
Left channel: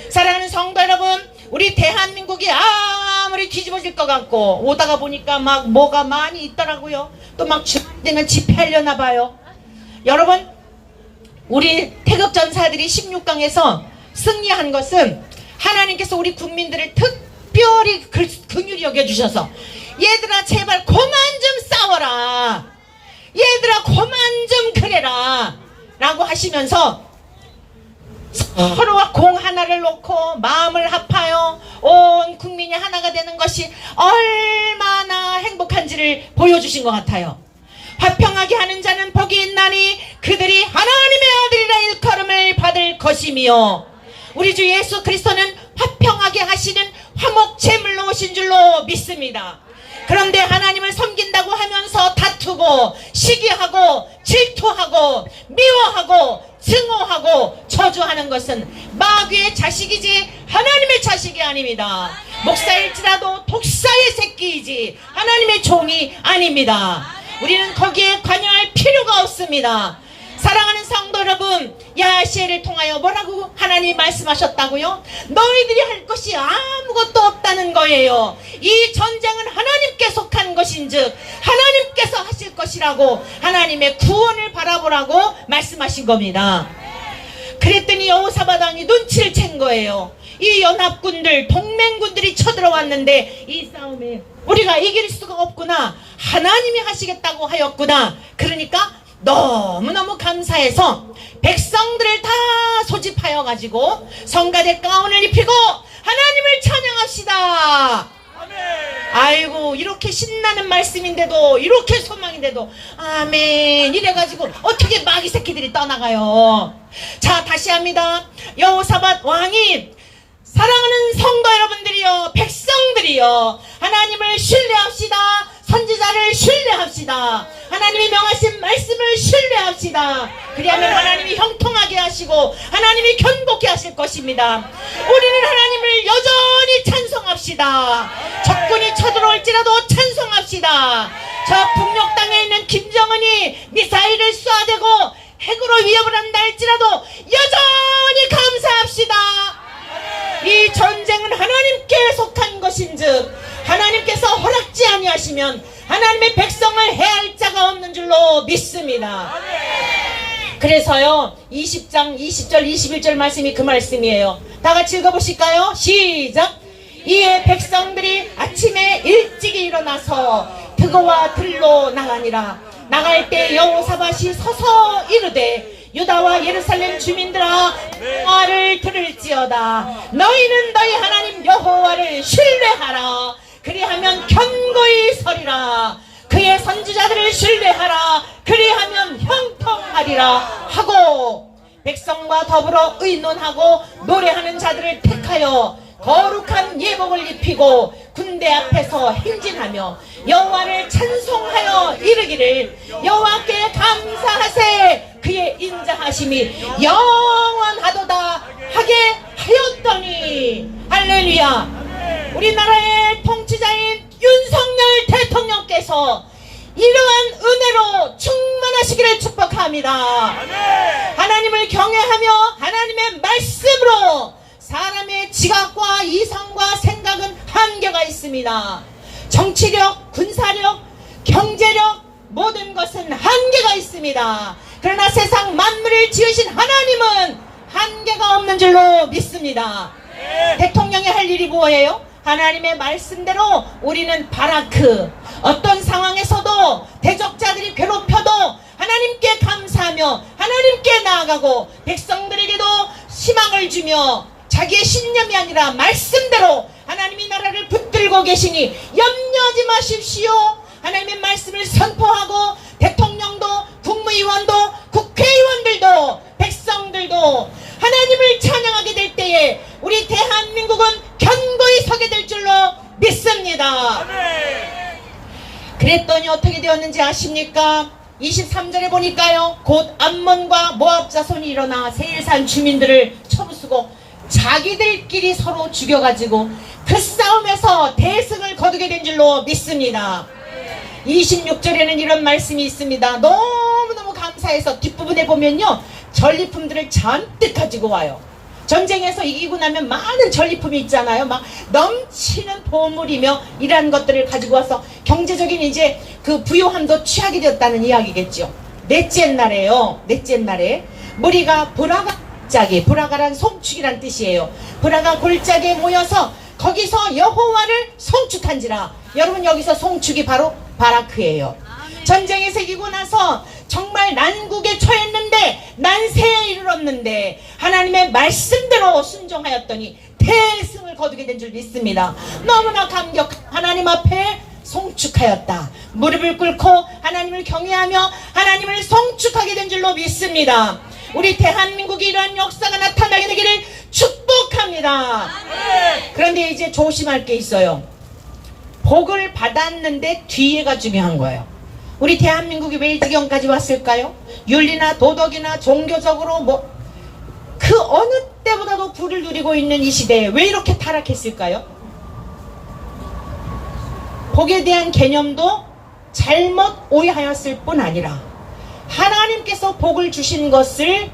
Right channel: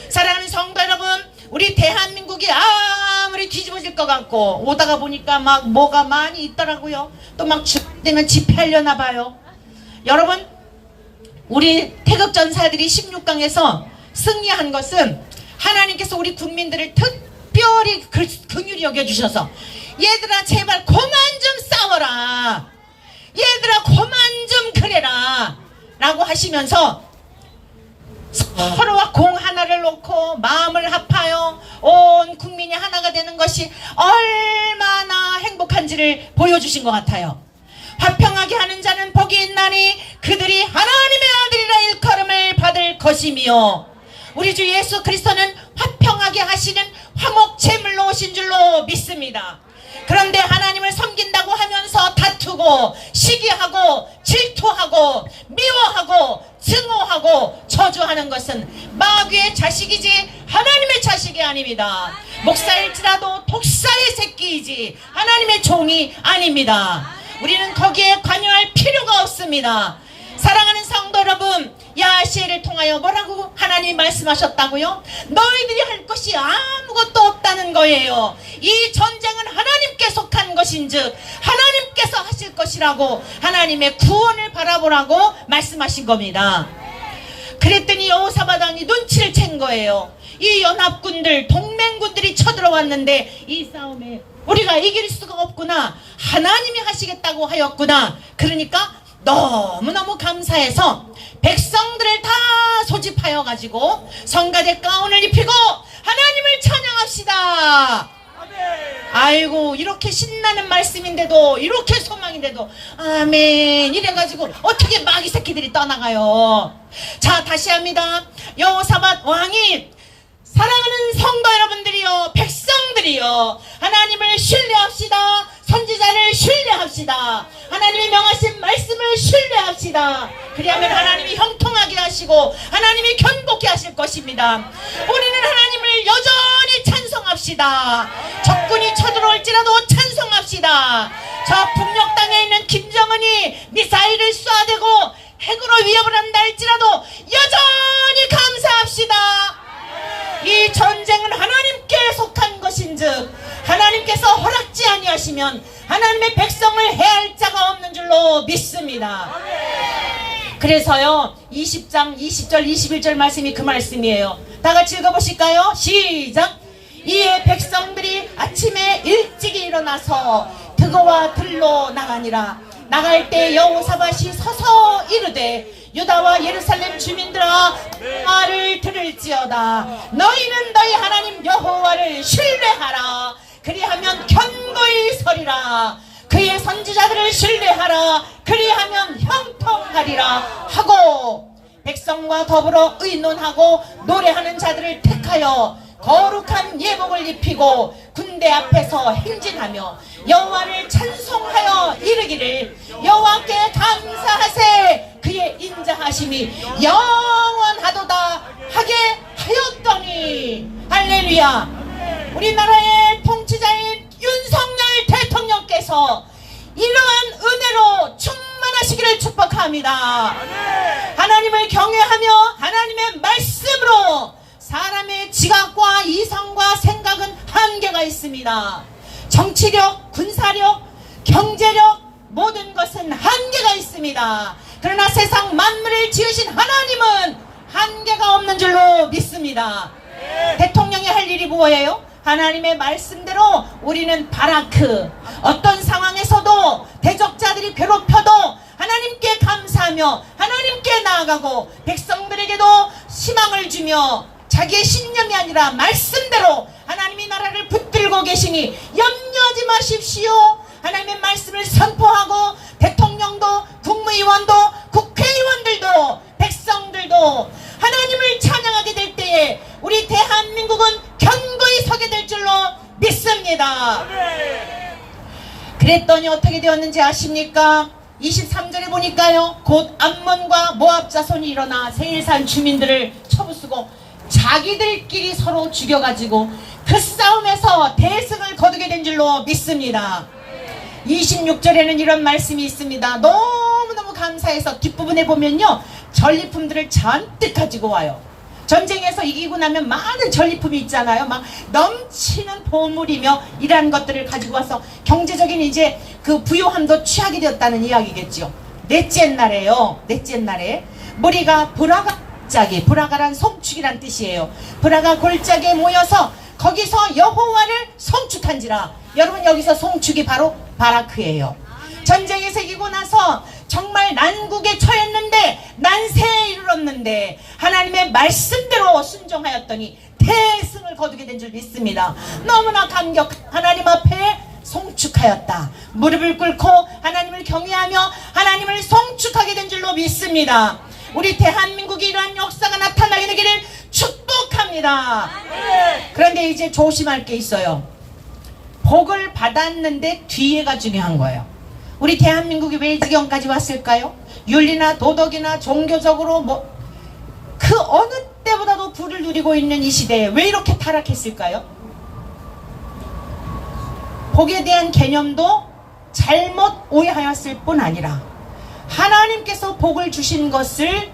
사랑하는 성도 여러분, 우리 대한민국이 아무리 뒤집어질 것 같고 오다가 보니까 막 뭐가 많이 있더라고요. 또 막 주말이 되면 집회하려나 봐요. 여러분, 우리 태극전사들이 16강에서 승리한 것은 하나님께서 우리 국민들을 특별히 긍휼히 여겨주셔서 얘들아 제발 그만 좀 싸워라, 얘들아 그만 좀 그래라 라고 하시면서 서로와 공 하나를 놓고 마음을 합하여 온 국민이 하나가 되는 것이 얼마나 행복한지를 보여주신 것 같아요. 화평하게 하는 자는 복이 있나니 그들이 하나님의 아들이라 일컬음을 받을 것이며, 우리 주 예수 그리스도는 화평하게 하시는 화목 제물로 오신 줄로 믿습니다. 그런데 하나님을 섬긴다고 하면서 다투고 시기하고 질투하고 미워하고 증오하고 저주하는 것은 마귀의 자식이지 하나님의 자식이 아닙니다. 목사일지라도 독사의 새끼이지 하나님의 종이 아닙니다. 우리는 거기에 관여할 필요가 없습니다. 사랑하는 성도 여러분, 야시엘을 통하여 뭐라고 하나님이 말씀하셨다고요? 너희들이 할 것이 아무것도 없다는 거예요. 이 전쟁은 하나님께 속한 것인즉 하나님께서 하실 것이라고 하나님의 구원을 바라보라고 말씀하신 겁니다. 그랬더니 여호사밧 왕이 눈치를 챈 거예요. 이 연합군들, 동맹군들이 쳐들어왔는데 이 싸움에 우리가 이길 수가 없구나, 하나님이 하시겠다고 하였구나. 그러니까 너무너무 감사해서 백성들을 다 소집하여 가지고 성가대 가운을 입히고 하나님을 찬양합시다. 아이고, 이렇게 신나는 말씀인데도, 이렇게 소망인데도 아멘 이래가지고 어떻게 마귀 새끼들이 떠나가요. 자, 다시 합니다. 여호사밧 왕이 사랑하는 성도 여러분들이요, 백성들이요, 하나님을 신뢰합시다. 선지자를 신뢰합시다. 하나님이 명하신 말씀을 신뢰합시다. 그리하면 하나님이 형통하게 하시고 하나님이 견고케 하실 것입니다. 우리는 하나님을 여전히 찬송합시다. 적군이 쳐들어올지라도 찬송합시다. 저 북녘 땅에 있는 김정은이 미사일을 쏘아대고 핵으로 위협을 한다 할지라도 여전히 감사합시다. 이 전쟁은 하나님께 속한 것인즉 하나님께서 허락지 아니하시면 하나님의 백성을 해할 자가 없는 줄로 믿습니다. 그래서요, 20장 20절 21절 말씀이 그 말씀이에요. 다 같이 읽어보실까요? 시작. 이에 백성들이 아침에 일찍 일어나서 드고와 들로 나가니라. 나갈 때 여호사밧이 서서 이르되 유다와 예루살렘 주민들아, 말을 들을지어다. 너희는 너희 하나님 여호와를 신뢰하라. 그리하면 견고히 서리라. 그의 선지자들을 신뢰하라. 그리하면 형통하리라 하고, 백성과 더불어 의논하고 노래하는 자들을 택하여 거룩한 예복을 입히고 군대 앞에서 행진하며 여호와를 찬송하여 이르기를 여호와께 감사하세. 그의 인자하심이 영원하도다 하게 하였더니. 할렐루야. 우리나라의 통치자인 윤석열 대통령께서 이러한 은혜로 충만하시기를 축복합니다. 하나님을 경외하며 하나님의 말씀으로 사람의 지각과 이성과 생각은 한계가 있습니다. 정치력, 군사력, 경제력, 모든 것은 한계가 있습니다. 그러나 세상 만물을 지으신 하나님은 한계가 없는 줄로 믿습니다. 대통령이 할 일이 뭐예요? 하나님의 말씀대로 우리는 바라크, 어떤 상황에서도 대적자들이 괴롭혀도 하나님께 감사하며 하나님께 나아가고 백성들에게도 희망을 주며 자기의 신념이 아니라 말씀대로 하나님이 나라를 붙들고 계시니 염려하지 마십시오. 하나님의 말씀을 선포하고 대통령도, 국무위원도, 국회의원들도, 백성들도 하나님을 찬양하게 될 때에 우리 대한민국은 견고히 서게 될 줄로 믿습니다. 그랬더니 어떻게 되었는지 아십니까? 23절에 보니까요, 곧 암몬과 모압 자손이 일어나 세일산 주민들을 쳐부수고 자기들끼리 서로 죽여가지고 그 싸움에서 대승을 거두게 된 줄로 믿습니다. 26절에는 이런 말씀이 있습니다. 너무너무 감사해서 뒷부분에 보면요, 전리품들을 잔뜩 가지고 와요. 전쟁에서 이기고 나면 많은 전리품이 있잖아요. 막 넘치는 보물이며 이러한 것들을 가지고 와서 경제적인 이제 그 부유함도 취하게 되었다는 이야기겠죠. 넷째 날에요. 넷째 날에 무리가 보라가 골짜기, 브라가란 송축이란 뜻이에요. 브라가 골짜기에 모여서 거기서 여호와를 송축한지라. 여러분, 여기서 송축이 바로 바라크예요. 전쟁에 새기고 나서 정말 난국에 처했는데, 난세에 이르렀는데 하나님의 말씀대로 순종하였더니 대승을 거두게 된 줄 믿습니다. 너무나 감격. 하나님 앞에 송축하였다. 무릎을 꿇고 하나님을 경외하며 하나님을 송축하게 된 줄로 믿습니다. 우리 대한민국이 이러한 역사가 나타나게 되기를 축복합니다. 그런데 이제 조심할 게 있어요. 복을 받았는데 뒤에가 중요한 거예요. 우리 대한민국이 왜 이 지경까지 왔을까요? 윤리나 도덕이나 종교적으로 그 어느 때보다도 부를 누리고 있는 이 시대에 왜 이렇게 타락했을까요? 복에 대한 개념도 잘못 오해하였을 뿐 아니라 하나님께서 복을 주신 것을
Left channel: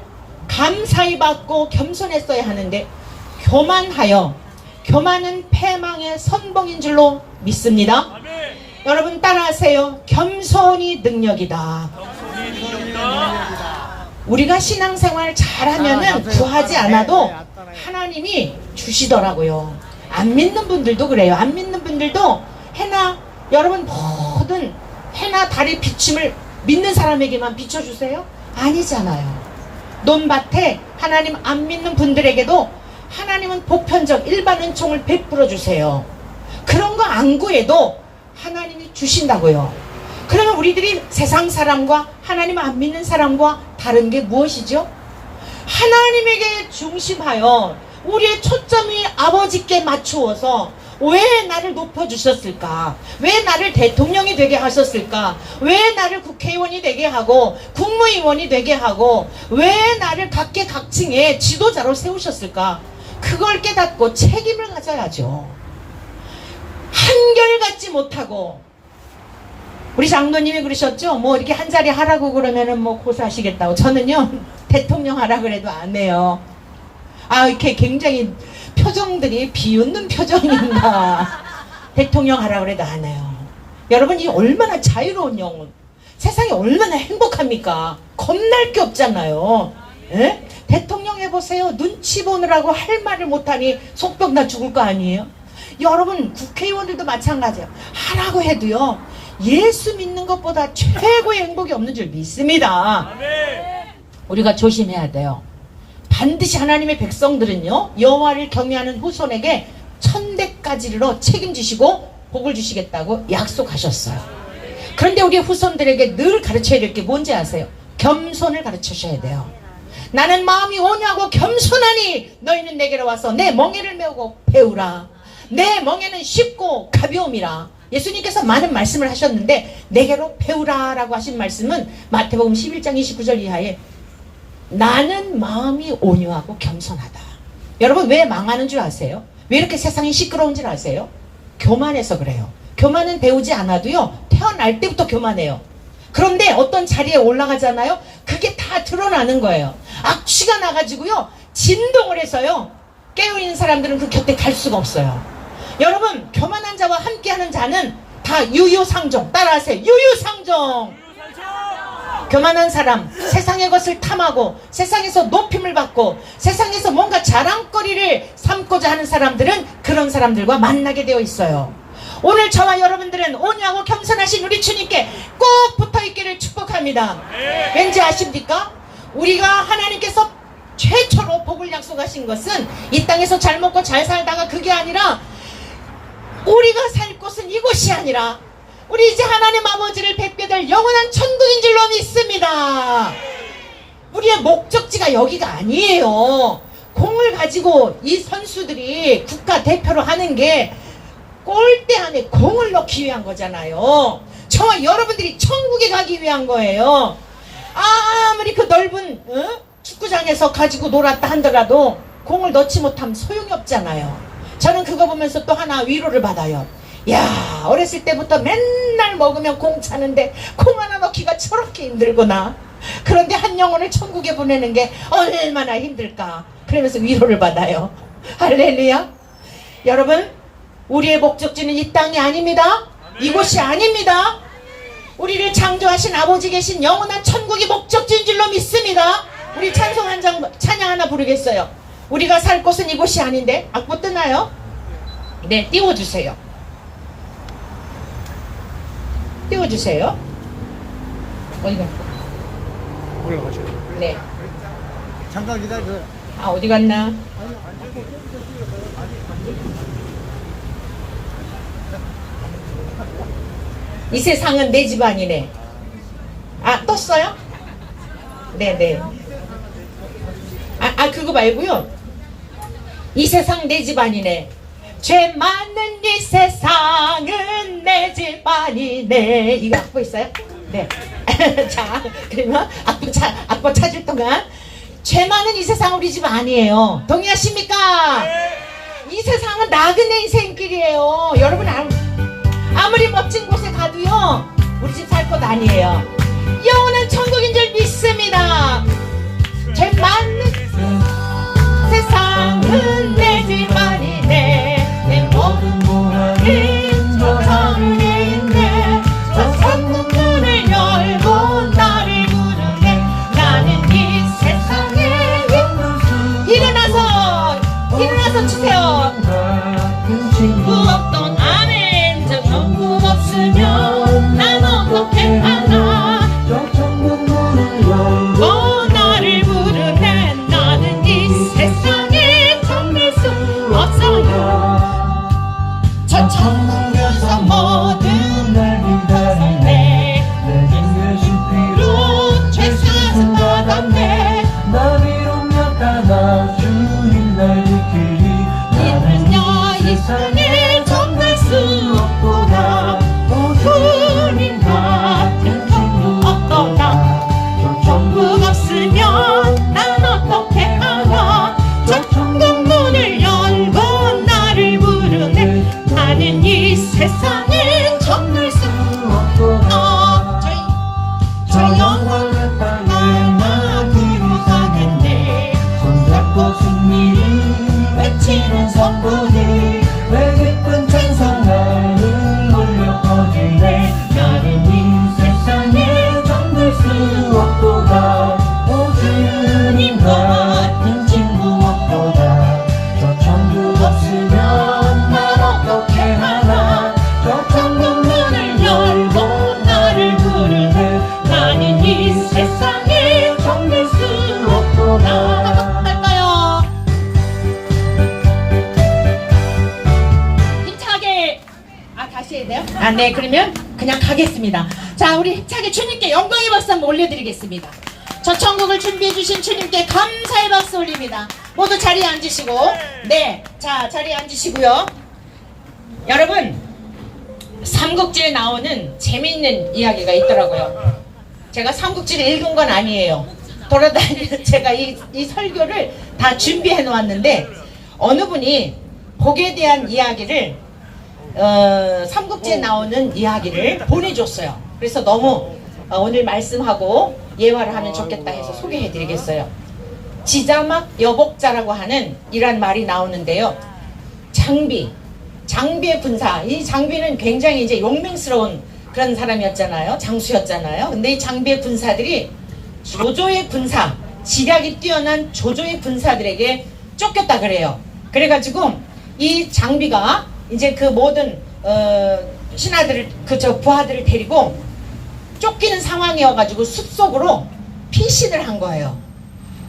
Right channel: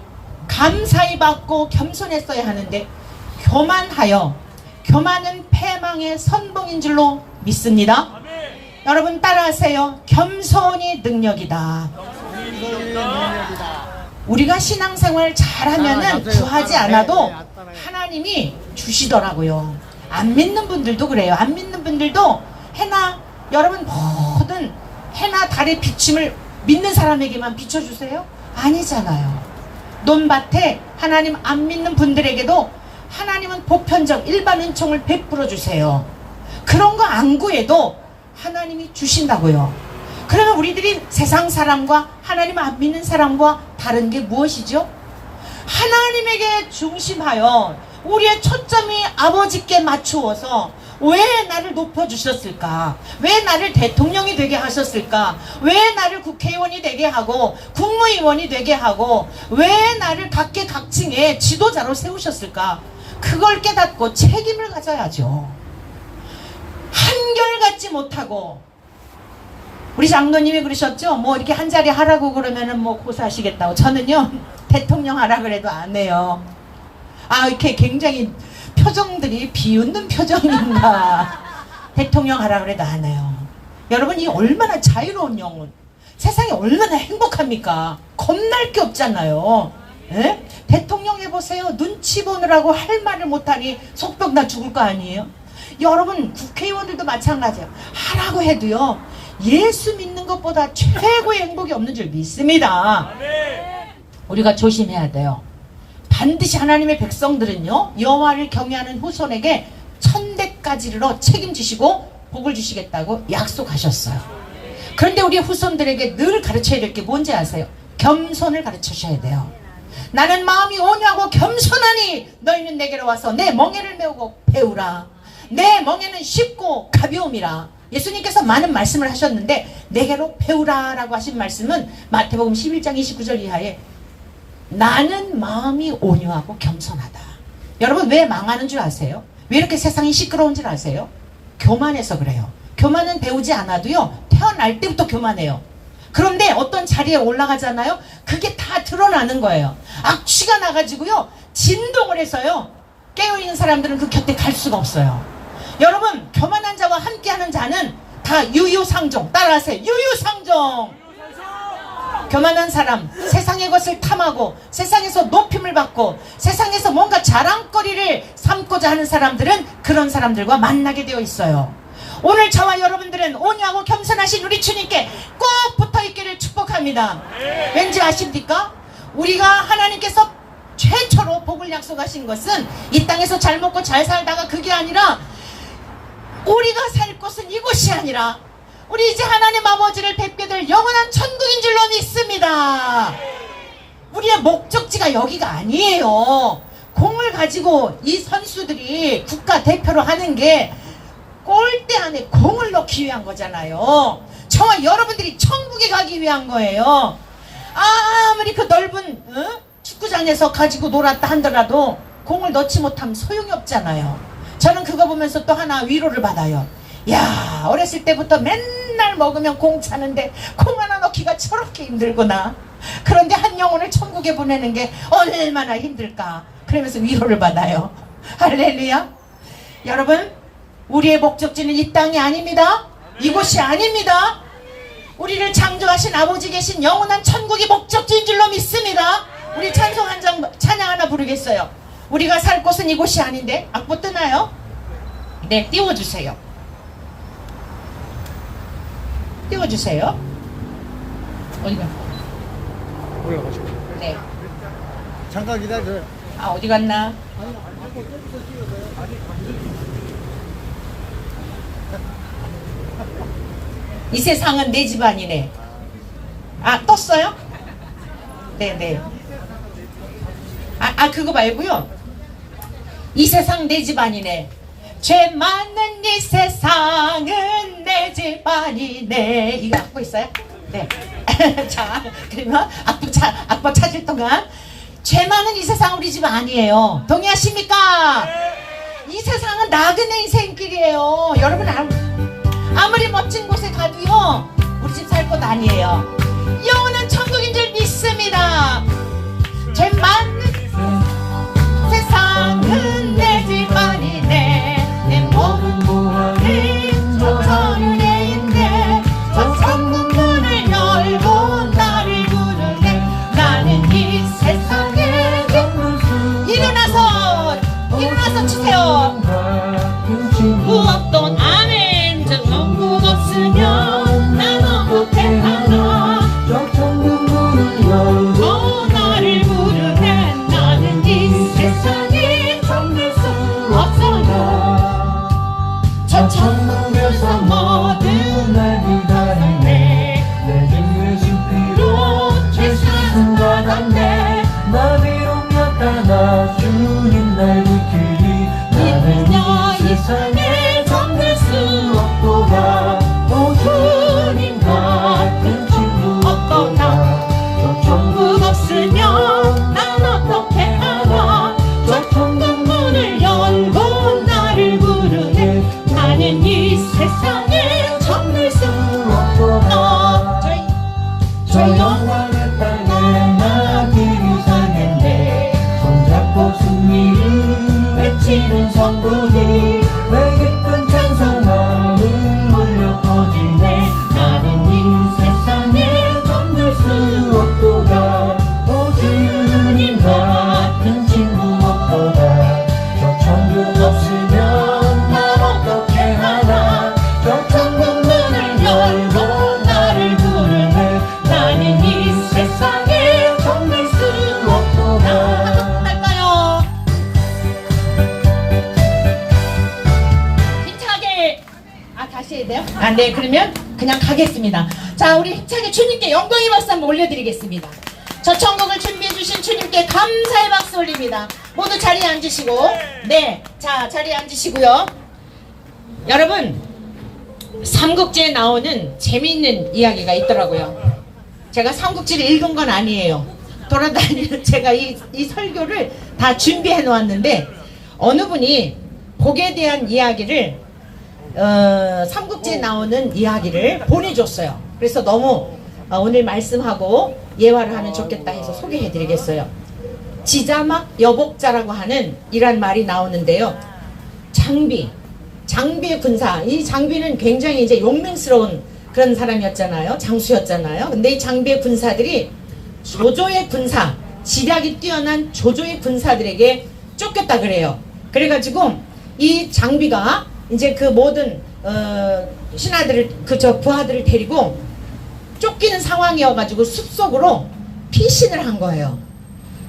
감사히 받고 겸손했어야 하는데 교만하여, 교만은 패망의 선봉인 줄로 믿습니다. 여러분 따라하세요. 겸손이 능력이다. 우리가 신앙생활 잘하면은 구하지 않아도 하나님이 주시더라고요. 안 믿는 분들도 그래요. 안 믿는 분들도 해나, 여러분 모든 해나 달의 비춤을 믿는 사람에게만 비춰주세요? 아니잖아요. 논밭에 하나님 안 믿는 분들에게도 하나님은 보편적 일반 은총을 베풀어 주세요. 그런 거 안 구해도 하나님이 주신다고요. 그러면 우리들이 세상 사람과 하나님 안 믿는 사람과 다른 게 무엇이죠? 하나님에게 중심하여 우리의 초점이 아버지께 맞추어서 왜 나를 높여주셨을까? 왜 나를 대통령이 되게 하셨을까? 왜 나를 국회의원이 되게 하고 국무위원이 되게 하고 왜 나를 각계각층의 지도자로 세우셨을까? 그걸 깨닫고 책임을 가져야죠. 한결같지 못하고, 우리 장로님이 그러셨죠? 뭐 이렇게 한 자리 하라고 그러면은 뭐 고사하시겠다고. 저는요 대통령 하라 그래도 안 해요. 이렇게 굉장히 표정들이 비웃는 표정인가. 대통령 하라 그래도 안 해요. 여러분, 이 얼마나 자유로운 영혼, 세상이 얼마나 행복합니까? 겁날 게 없잖아요. 에? 대통령 해보세요. 눈치 보느라고 할 말을 못하니 속병 나 죽을 거 아니에요? 여러분, 국회의원들도 마찬가지예요. 하라고 해도요, 예수 믿는 것보다 최고의 행복이 없는 줄 믿습니다. 우리가 조심해야 돼요. 반드시 하나님의 백성들은요, 여호와를 경외하는 후손에게 천대까지 이르러 책임지시고 복을 주시겠다고 약속하셨어요. 그런데 우리 후손들에게 늘 가르쳐야 될 게 뭔지 아세요? 겸손을 가르치셔야 돼요. 나는 마음이 온유하고 겸손하니 너희는 내게로 와서 내 멍에를 메우고 배우라. 내 멍에는 쉽고 가벼움이라. 예수님께서 많은 말씀을 하셨는데 내게로 배우라 라고 하신 말씀은 마태복음 11장 29절 이하에 나는 마음이 온유하고 겸손하다. 여러분, 왜 망하는 줄 아세요? 왜 이렇게 세상이 시끄러운 줄 아세요? 교만해서 그래요. 교만은 배우지 않아도요, 태어날 때부터 교만해요. 그런데 어떤 자리에 올라가잖아요, 그게 다 드러나는 거예요. 악취가 나가지고요, 진동을 해서요, 깨어있는 사람들은 그 곁에 갈 수가 없어요. 여러분, 교만한 자와 함께하는 자는 다 유유상종. 따라하세요. 유유상종. 교만한 사람, 세상의 것을 탐하고 세상에서 높임을 받고 세상에서 뭔가 자랑거리를 삼고자 하는 사람들은 그런 사람들과 만나게 되어 있어요. 오늘 저와 여러분들은 온유하고 겸손하신 우리 주님께 꼭 붙어있기를 축복합니다. 왠지 아십니까? 우리가 하나님께서 최초로 복을 약속하신 것은 이 땅에서 잘 먹고 잘 살다가 그게 아니라, 우리가 살 곳은 이곳이 아니라 우리 이제 하나님 아버지를 뵙게 될 영원한 천국인 줄로 믿습니다. 우리의 목적지가 여기가 아니에요. 공을 가지고 이 선수들이 국가대표로 하는 게 골대 안에 공을 넣기 위한 거잖아요. 저와 여러분들이 천국에 가기 위한 거예요. 아무리 그 넓은 축구장에서 가지고 놀았다 하더라도 공을 넣지 못하면 소용이 없잖아요. 저는 그거 보면서 또 하나 위로를 받아요. 야, 어렸을 때부터 맨날 먹으면 공 차는데 공 하나 넣기가 저렇게 힘들구나. 그런데 한 영혼을 천국에 보내는 게 얼마나 힘들까. 그러면서 위로를 받아요. 할렐루야. 여러분, 우리의 목적지는 이 땅이 아닙니다. 이곳이 아닙니다. 우리를 창조하신 아버지 계신 영원한 천국이 목적지인 줄로 믿습니다. 우리 찬양 하나 부르겠어요. 우리가 살 곳은 이곳이 아닌데. 악보 뜨나요? 네, 띄워주세요. 띄워주세요. 어디가? 올라가죠. 네. 잠깐 기다려요. 아, 어디 갔나? 이 세상은 내 집안이네. 아, 떴어요? 네네. 그거 말고요. 이 세상 내 집안이네. 죄 많은 이 세상은 내 집안이네. 이거 악보 있어요? 네. 자, 그러면 악보 찾을 동안 죄 많은 이 세상 우리 집 아니에요. 동의하십니까? 이 세상은 나그네 인생길이에요. 여러분 아무리 멋진 곳에 가도요 우리 집 살 곳 아니에요. 영원한 천국인 줄 믿습니다. 죄 많은 세상은 내 집안이네. 내 모든 부활은 저 섬에 있네. 저 천국 문을 열고 나를 부르네. 나는 이 세상에 일어나서 주세요. 무엇도 아멘. 저 천국 없으면 난 어떻게 하나. 저 천국 문을 열고 나를 부르네. 나는 이 세상에 정말 수 없어요. 저 천국에서 모든 날 기다리네. 내 인생 실패로 죄사함 받았네. 나 비록 약하나 주님 날 지키리. 믿으며 이 세상에 정말 수 없구나. 주님 같은 친구 없구나. 저 천국 없으면 난 어떻게 하나. 저 천국 문을 열고 나를 부르네. 나는 이 세상에 정말 수 없구나. 저 영원한 땅에 나기를 상했네. 손잡고 승리를 외치는 성도들 왜 기쁜 찬송하는 울려 퍼지네. 나는 이 세상에 정말 수 없도다. 오 주님 같은 친구 없도다. 저 천국 없으면 난 어떻게 하나. 저 천국 문을 열고 나를 부르네. 나는 이 세상에 정말 수 없구나. 할까요? 힘차게. 다시 해야 돼요? 네, 그러면 그냥 가겠습니다. 자, 우리 힘차게 주님께 영광의 박수 한번 올려드리겠습니다. 저 천국을 준비해 주신 주님께 감사의 박수 올립니다. 모두 자리에 앉으시고. 네, 자, 자리에 앉으시고요. 여러분, 삼국지에 나오는 재미있는 이야기가 있더라고요. 제가 삼국지를 읽은 건 아니에요. 돌아다니는 제가 이 설교를 다 준비해 놓았는데 어느 분이 복에 대한 이야기를 삼국지에 나오는 이야기를 보내줬어요. 그래서 너무 오늘 말씀하고 예화를 하면 좋겠다 해서 소개해 드리겠어요. 지자막 여복자라고 하는 이런 말이 나오는데요. 장비의 군사. 이 장비는 굉장히 이제 용맹스러운 그런 사람이었잖아요. 장수였잖아요. 근데 이 장비의 군사들이 조조의 군사, 지략이 뛰어난 조조의 군사들에게 쫓겼다 그래요. 그래가지고 이 장비가 이제 그 모든 신하들을 부하들을 데리고 쫓기는 상황이어가지고 숲속으로 피신을 한 거예요.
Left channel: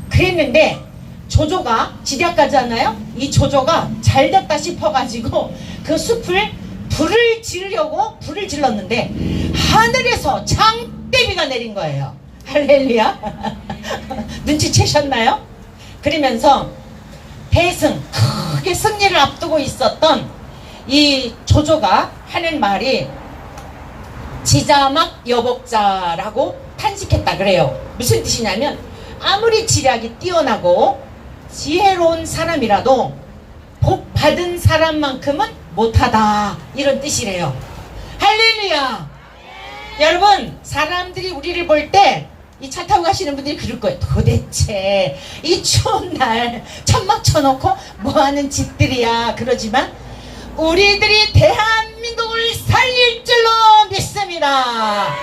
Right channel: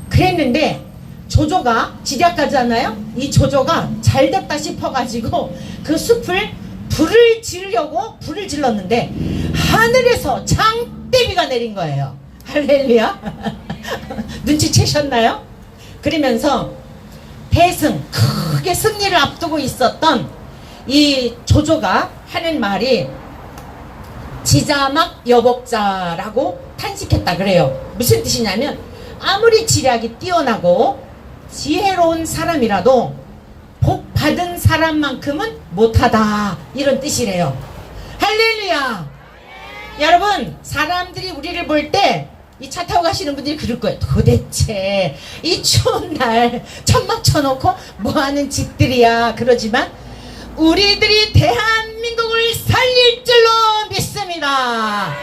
그랬는데 조조가 지략가잖아요. 이 조조가 잘됐다 싶어가지고 그 숲을 불을 지르려고 불을 질렀는데 하늘에서 장대비가 내린 거예요. 할렐루야. 눈치채셨나요? 그러면서 대승 크게 승리를 앞두고 있었던 이 조조가 하는 말이 지자막 여복자라고 탄식했다 그래요. 무슨 뜻이냐면 아무리 지략이 뛰어나고 지혜로운 사람이라도 복 받은 사람만큼은 못하다 이런 뜻이래요. 할렐루야. 여러분, 사람들이 우리를 볼 때 이 차 타고 가시는 분들이 그럴 거예요. 도대체 이 추운 날 천막 쳐놓고 뭐하는 짓들이야 그러지만 우리들이 대한민국을 살릴 줄로 믿습니다.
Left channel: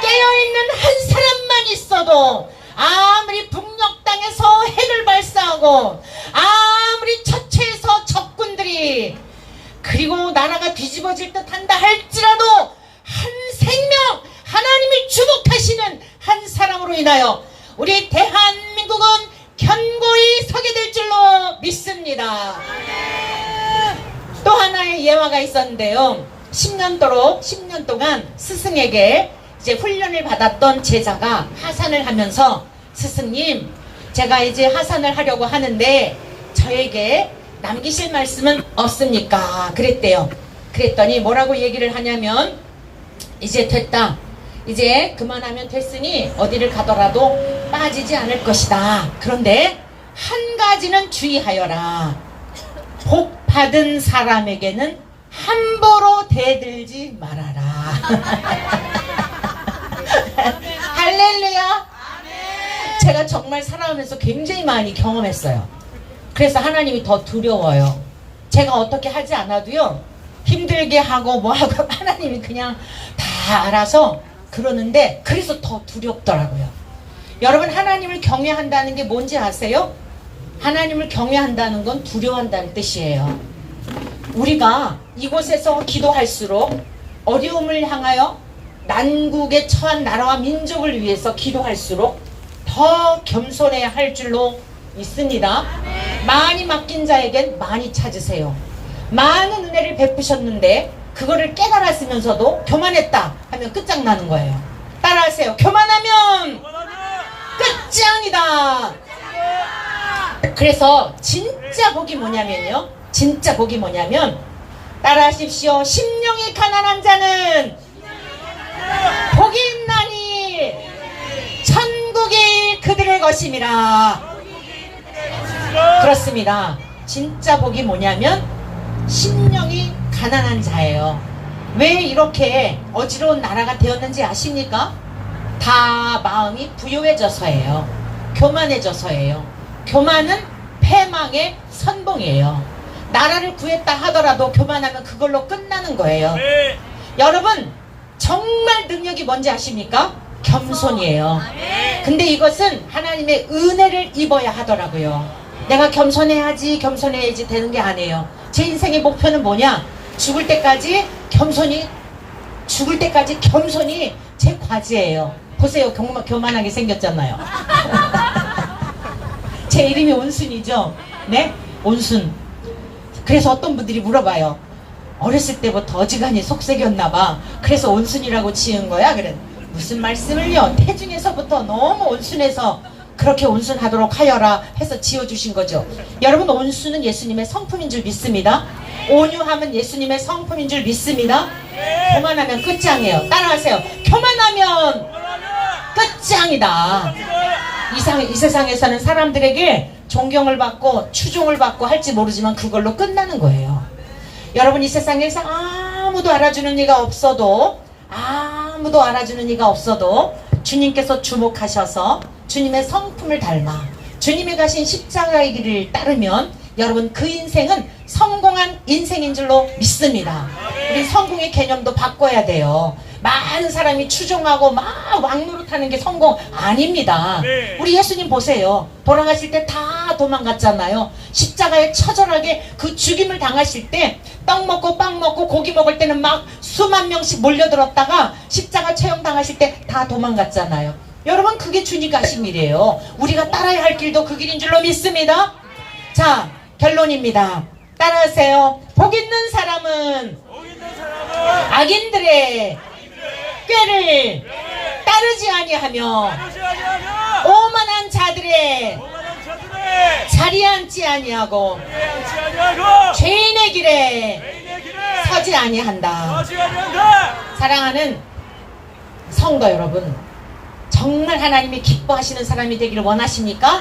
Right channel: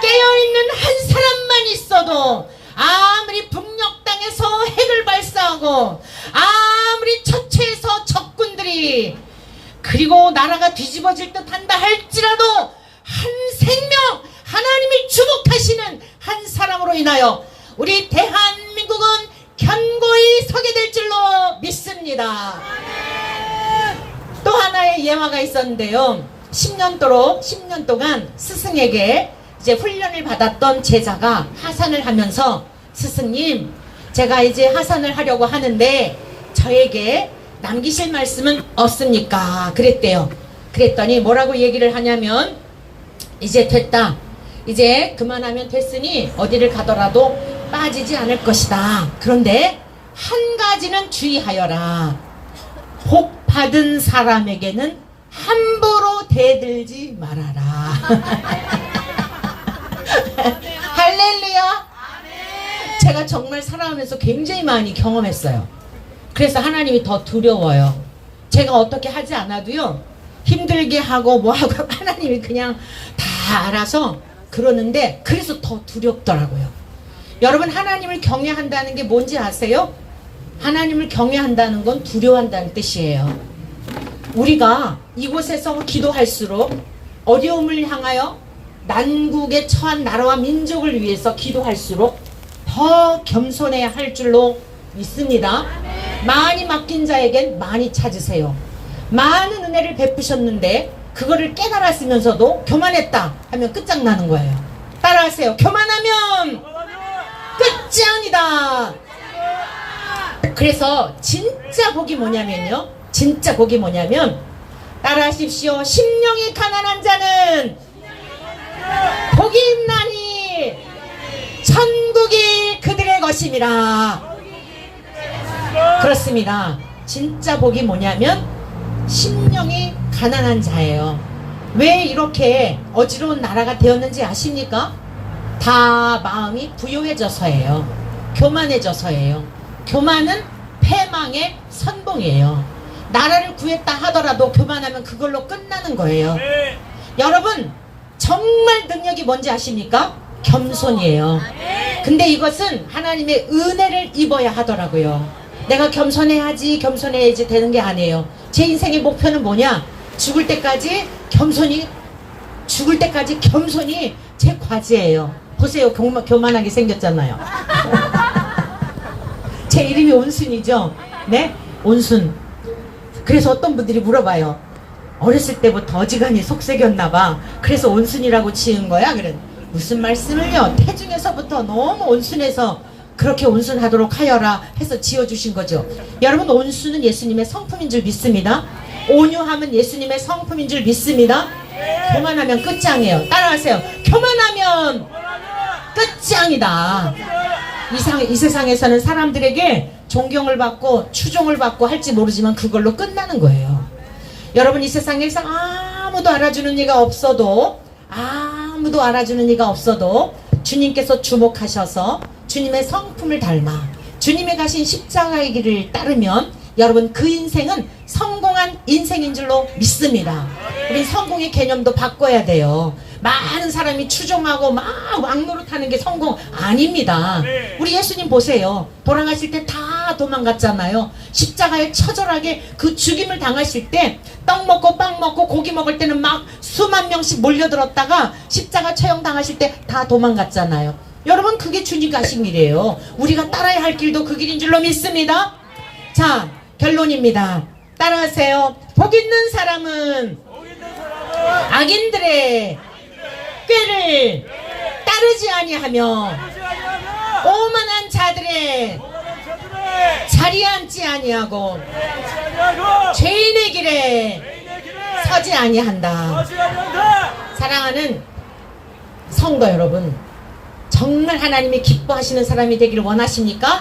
깨어있는 한 사람만 있어도 아무리 북녘 땅에서 핵을 발사하고 아무리 처처해서 적군들이 그리고 나라가 뒤집어질 듯 한다 할지라도 한 생명 하나님이 주목하시는 한 사람으로 인하여 우리 대한민국은 견고히 서게 될 줄로 믿습니다. 또 하나의 예화가 있었는데요. 10년 동안 스승에게 이제 훈련을 받았던 제자가 하산을 하면서 스승님, 제가 이제 하산을 하려고 하는데 저에게 남기실 말씀은 없습니까? 그랬대요. 그랬더니 뭐라고 얘기를 하냐면 이제 됐다. 이제 그만하면 됐으니 어디를 가더라도 빠지지 않을 것이다. 그런데 한 가지는 주의하여라. 복 받은 사람에게는 함부로 대들지 말아라. 할렐루야. 제가 정말 살아가면서 굉장히 많이 경험했어요. 그래서 하나님이 더 두려워요. 제가 어떻게 하지 않아도요, 힘들게 하고 뭐 하고 하나님이 그냥 다 알아서 그러는데, 그래서 더 두렵더라고요. 여러분, 하나님을 경외한다는 게 뭔지 아세요? 하나님을 경외한다는 건 두려워한다는 뜻이에요. 우리가 이곳에서 기도할수록 어려움을 향하여 난국에 처한 나라와 민족을 위해서 기도할수록 더 겸손해야 할 줄로 믿습니다. 많이 맡긴 자에겐 많이 찾으세요. 많은 은혜를 베푸셨는데 그거를 깨달았으면서도 교만했다 하면 끝장나는 거예요. 따라하세요. 교만하면 끝장이다. 그래서 진짜 복이 뭐냐면요, 진짜 복이 뭐냐면, 따라하십시오. 심령이 가난한 자는 복이 있나니 천국이 그들의 것임이라. 그렇습니다. 진짜 복이 뭐냐면 심령이 가난한 자예요. 왜 이렇게 어지러운 나라가 되었는지 아십니까? 다 마음이 부요해져서예요. 교만해져서예요. 교만은 패망의 선봉이에요. 나라를 구했다 하더라도 교만하면 그걸로 끝나는 거예요. 네. 여러분, 정말 능력이 뭔지 아십니까? 겸손이에요. 근데 이것은 하나님의 은혜를 입어야 하더라고요. 내가 겸손해야지 되는 게 아니에요. 제 인생의 목표는 뭐냐? 죽을 때까지 겸손이 제 과제예요. 보세요, 교만하게 생겼잖아요. 제 이름이 온순이죠. 네? 온순. 그래서 어떤 분들이 물어봐요. 어렸을 때부터 어지간히 속색였나봐. 그래서 온순이라고 지은 거야? 그래. 무슨 말씀을요? 태중에서부터 너무 온순해서 그렇게 온순하도록 하여라 해서 지어주신 거죠. 여러분, 온순은 예수님의 성품인 줄 믿습니다. 온유함은 예수님의 성품인 줄 믿습니다. 교만하면 끝장이에요. 따라하세요. 교만하면 끝장이다. 이 세상에서는 사람들에게 존경을 받고 추종을 받고 할지 모르지만 그걸로 끝나는 거예요. 여러분, 이 세상에서 아무도 알아주는 이가 없어도 주님께서 주목하셔서 주님의 성품을 닮아 주님이 가신 십자가의 길을 따르면 여러분, 그 인생은 성공한 인생인 줄로 믿습니다. 우리 성공의 개념도 바꿔야 돼요. 많은 사람이 추종하고 막 왕노릇하는 게 성공 아닙니다. 우리 예수님 보세요. 돌아가실 때 다 도망갔잖아요. 십자가에 처절하게 그 죽임을 당하실 때 떡 먹고 빵 먹고 고기 먹을 때는 막 수만 명씩 몰려들었다가 십자가 처형 당하실 때 다 도망갔잖아요. 여러분, 그게 주님 가신 길이에요. 우리가 따라야 할 길도 그 길인 줄로 믿습니다. 자, 결론입니다. 따라하세요. 복 있는 사람은 악인들의 꾀를 따르지 아니하며 오만한 자들의 자리에 앉지 아니하고 죄인의 길에 서지 아니한다. 사랑하는 성도 여러분, 정말 하나님이 기뻐하시는 사람이 되기를 원하십니까?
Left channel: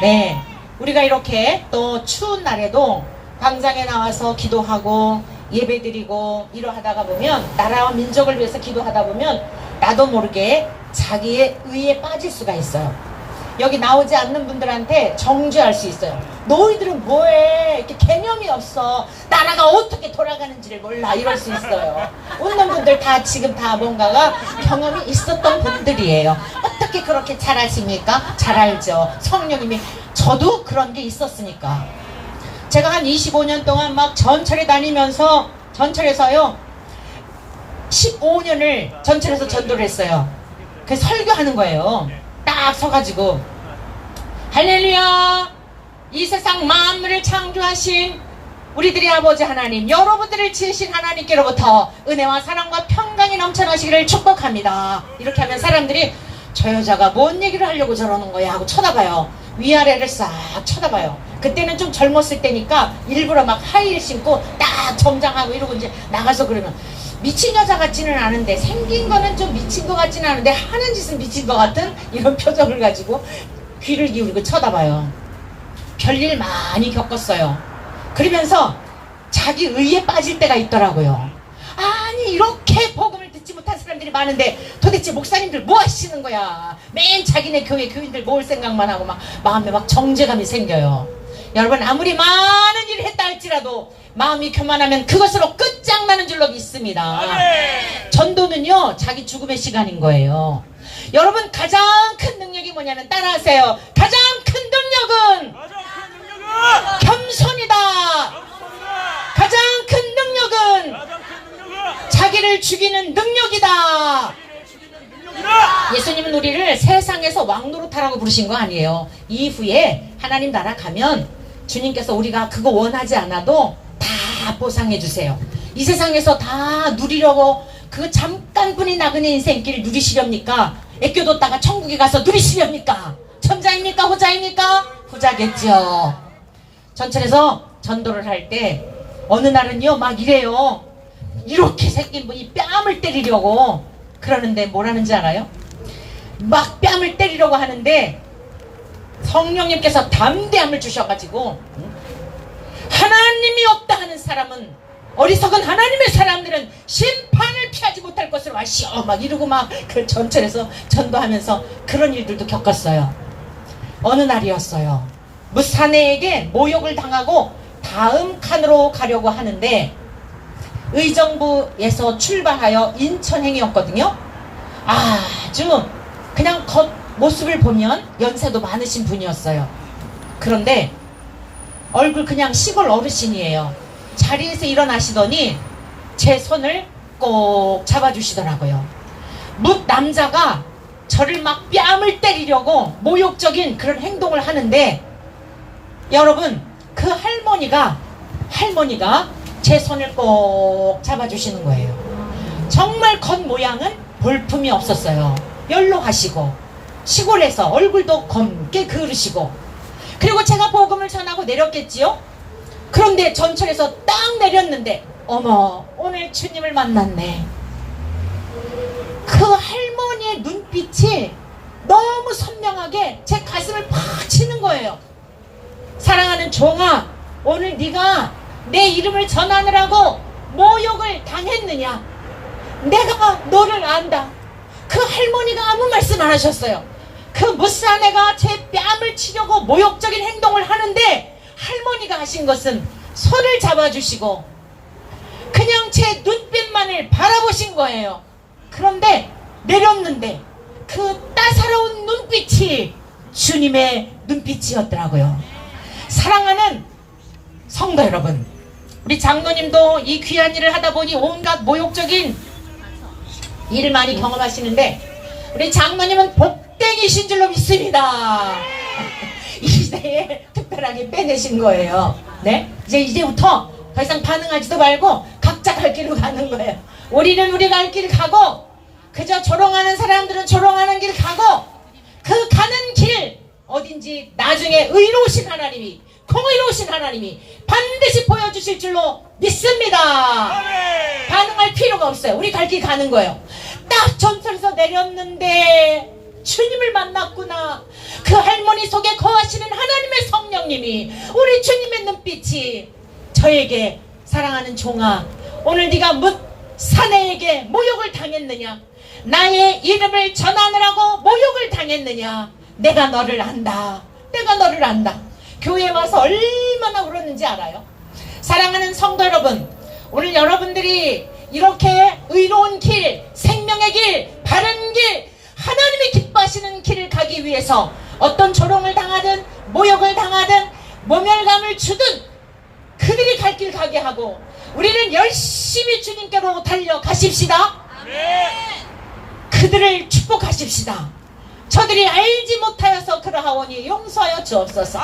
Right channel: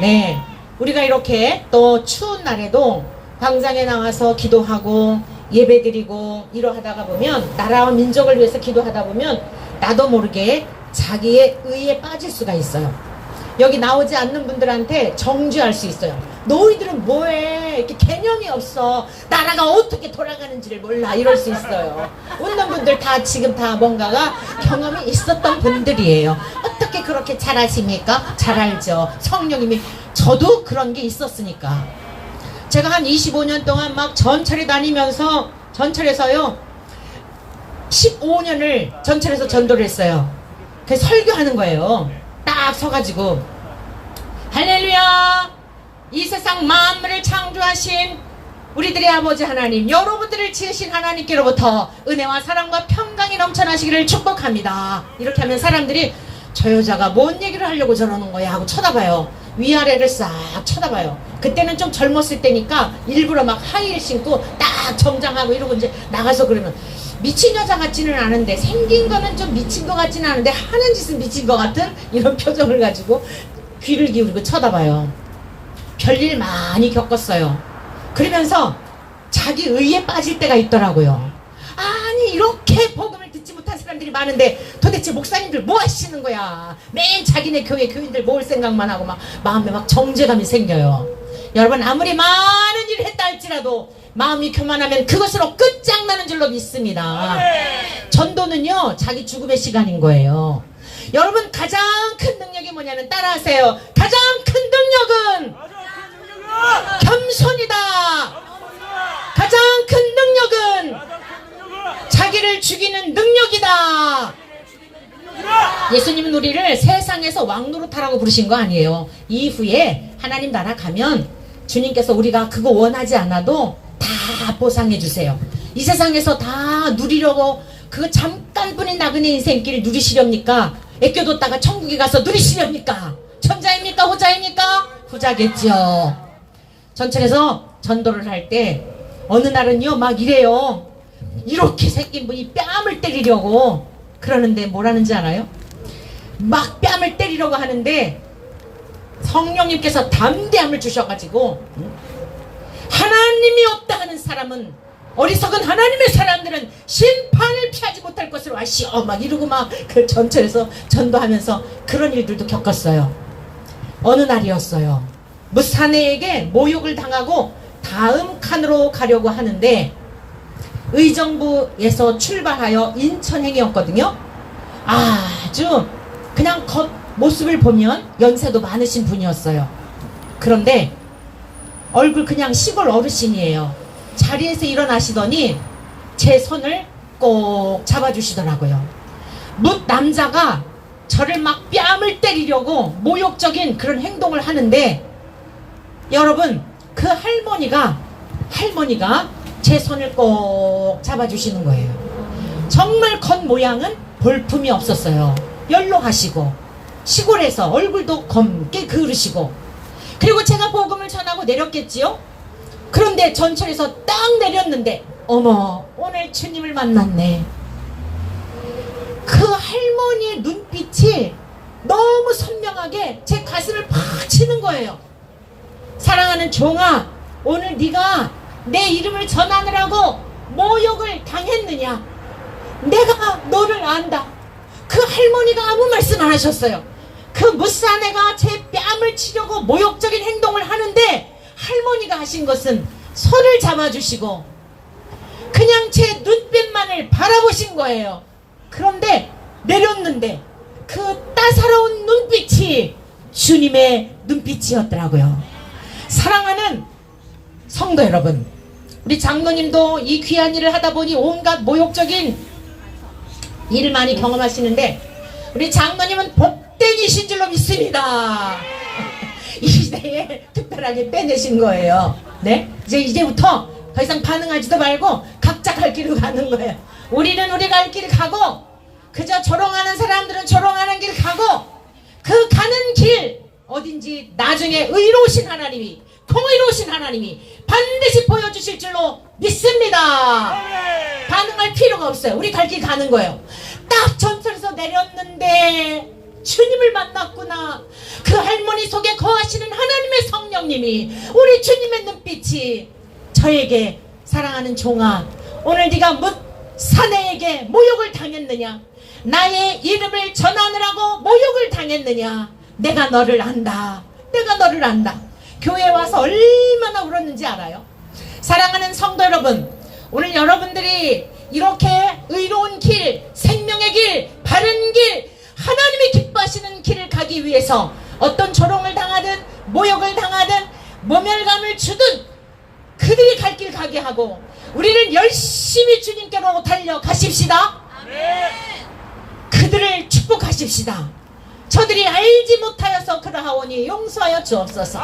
네. 우리가 이렇게 또 추운 날에도 광장에 나와서 기도하고 예배드리고 이러하다가 보면, 나라와 민족을 위해서 기도하다 보면 나도 모르게 자기의 의에 빠질 수가 있어요. 여기 나오지 않는 분들한테 정죄할 수 있어요. 너희들은 뭐해? 이렇게 개념이 없어. 나라가 어떻게 돌아가는지를 몰라. 이럴 수 있어요. 웃는 분들 다 지금 다 뭔가가 경험이 있었던 분들이에요. 어떻게 어떻게 그렇게 잘 아십니까? 잘 알죠. 성령님이 저도 그런 게 있었으니까. 제가 한 25년 동안 막 전철에 다니면서 전철에서요 15년을 전철에서 전도를 했어요. 그 설교하는 거예요. 딱 서가지고 할렐루야, 이 세상 만물을 창조하신 우리들의 아버지 하나님, 여러분들을 지으신 하나님께로부터 은혜와 사랑과 평강이 넘쳐나시기를 축복합니다. 이렇게 하면 사람들이 저 여자가 뭔 얘기를 하려고 저러는 거야 하고 쳐다봐요. 위아래를 싹 쳐다봐요. 그때는 좀 젊었을 때니까 일부러 막 하이힐 신고 딱 정장하고 이러고 이제 나가서 그러면 미친 여자 같지는 않은데, 생긴 거는 좀 미친 것 같지는 않은데 하는 짓은 미친 것 같은 이런 표정을 가지고 귀를 기울이고 쳐다봐요. 별일 많이 겪었어요. 그러면서 자기 의에 빠질 때가 있더라고요. 아니 이렇게 복음을 듣지 못한 사람들이 많은데 도대체 목사님들 뭐 하시는 거야. 매일 자기네 교회 교인들 모을 생각만 하고 막 마음에 막 정죄감이 생겨요. 여러분, 아무리 많은 일을 했다 할지라도 마음이 교만하면 그것으로 끝장나는 줄로 믿습니다. 전도는요 자기 죽음의 시간인 거예요. 여러분, 가장 큰 능력이 뭐냐면, 따라하세요. 가장 큰 능력은 겸손이다. 가장 큰 능력은 자기를 죽이는 능력이다. 예수님은 우리를 세상에서 왕노릇하라고 부르신 거 아니에요. 이후에 하나님 나라 가면 주님께서 우리가 그거 원하지 않아도 다 보상해 주세요. 이 세상에서 다 누리려고 그거 잠깐뿐인 나그네 인생길 누리시렵니까? 애껴뒀다가 천국에 가서 누리시렵니까? 천자입니까? 후자입니까? 후자겠죠. 전철에서 전도를 할 때 어느 날은요 막 이래요. 이렇게 생긴 분이 뺨을 때리려고 그러는데 뭐라는지 알아요? 막 뺨을 때리려고 하는데 성령님께서 담대함을 주셔가지고, 하나님이 없다 하는 사람은, 어리석은 하나님의 사람들은 심판을 피하지 못할 것으로 아시오 막 이러고 막 그 전철에서 전도하면서 그런 일들도 겪었어요. 어느 날이었어요. 무사내에게 모욕을 당하고 다음 칸으로 가려고 하는데 의정부에서 출발하여 인천행이었거든요. 아주 그냥 겉모습을 보면 연세도 많으신 분이었어요. 그런데 얼굴 그냥 시골 어르신이에요. 자리에서 일어나시더니 제 손을 꼭 잡아주시더라고요. 뭇 남자가 저를 막 뺨을 때리려고 모욕적인 그런 행동을 하는데, 여러분, 그 할머니가 제 손을 꼭 잡아주시는 거예요. 정말 겉모양은 볼품이 없었어요. 연로하시고 시골에서 얼굴도 검게 그으시고, 그리고 제가 복음을 전하고 내렸겠지요. 그런데 전철에서 딱 내렸는데 어머, 오늘 주님을 만났네. 그 할머니의 눈빛이 너무 선명하게 제 가슴을 팍 치는 거예요. 사랑하는 종아, 오늘 네가 내 이름을 전하느라고 모욕을 당했느냐? 내가 너를 안다. 그 할머니가 아무 말씀 안 하셨어요. 그 무사내가 제 뺨을 치려고 모욕적인 행동을 하는데 할머니가 하신 것은 손을 잡아주시고 그냥 제 눈빛만을 바라보신 거예요. 그런데 내렸는데 그 따사로운 눈빛이 주님의 눈빛이었더라고요. 사랑하는 성도 여러분, 우리 장로님도 이 귀한 일을 하다 보니 온갖 모욕적인 일을 많이 경험하시는데 우리 장로님은 복댕이신 줄로 믿습니다. 이 시대에 특별하게 빼내신 거예요. 네? 이제부터 더 이상 반응하지도 말고 각자 갈 길로 가는 거예요. 우리는 우리 갈 길 가고, 그저 조롱하는 사람들은 조롱하는 길 가고, 그 가는 길 어딘지 나중에 의로우신 하나님이, 공의로우신 하나님이 반드시 보여주실 줄로 믿습니다. 반응할 필요가 없어요. 우리 갈 길 가는 거예요. 딱 전철에서 내렸는데 주님을 만났구나. 그 할머니 속에 거하시는 하나님의 성령님이, 우리 주님의 눈빛이 저에게, 사랑하는 종아, 오늘 네가 뭇 사내에게 모욕을 당했느냐? 나의 이름을 전하느라고 모욕을 당했느냐? 내가 너를 안다. 내가 너를 안다. 교회에 와서 얼마나 울었는지 알아요? 사랑하는 성도 여러분, 오늘 여러분들이 이렇게 의로운 길, 생명의 길, 바른 길, 하나님이 기뻐하시는 인도하시는 길을 가기 위해서 어떤 조롱을 당하든 모욕을 당하든 모멸감을 주든 그들이 갈 길 가게 하고 우리는 열심히 주님께로 달려가십시다. 그들을 축복하십시다. 저들이 알지 못하여서 그러하오니 용서하여 주옵소서.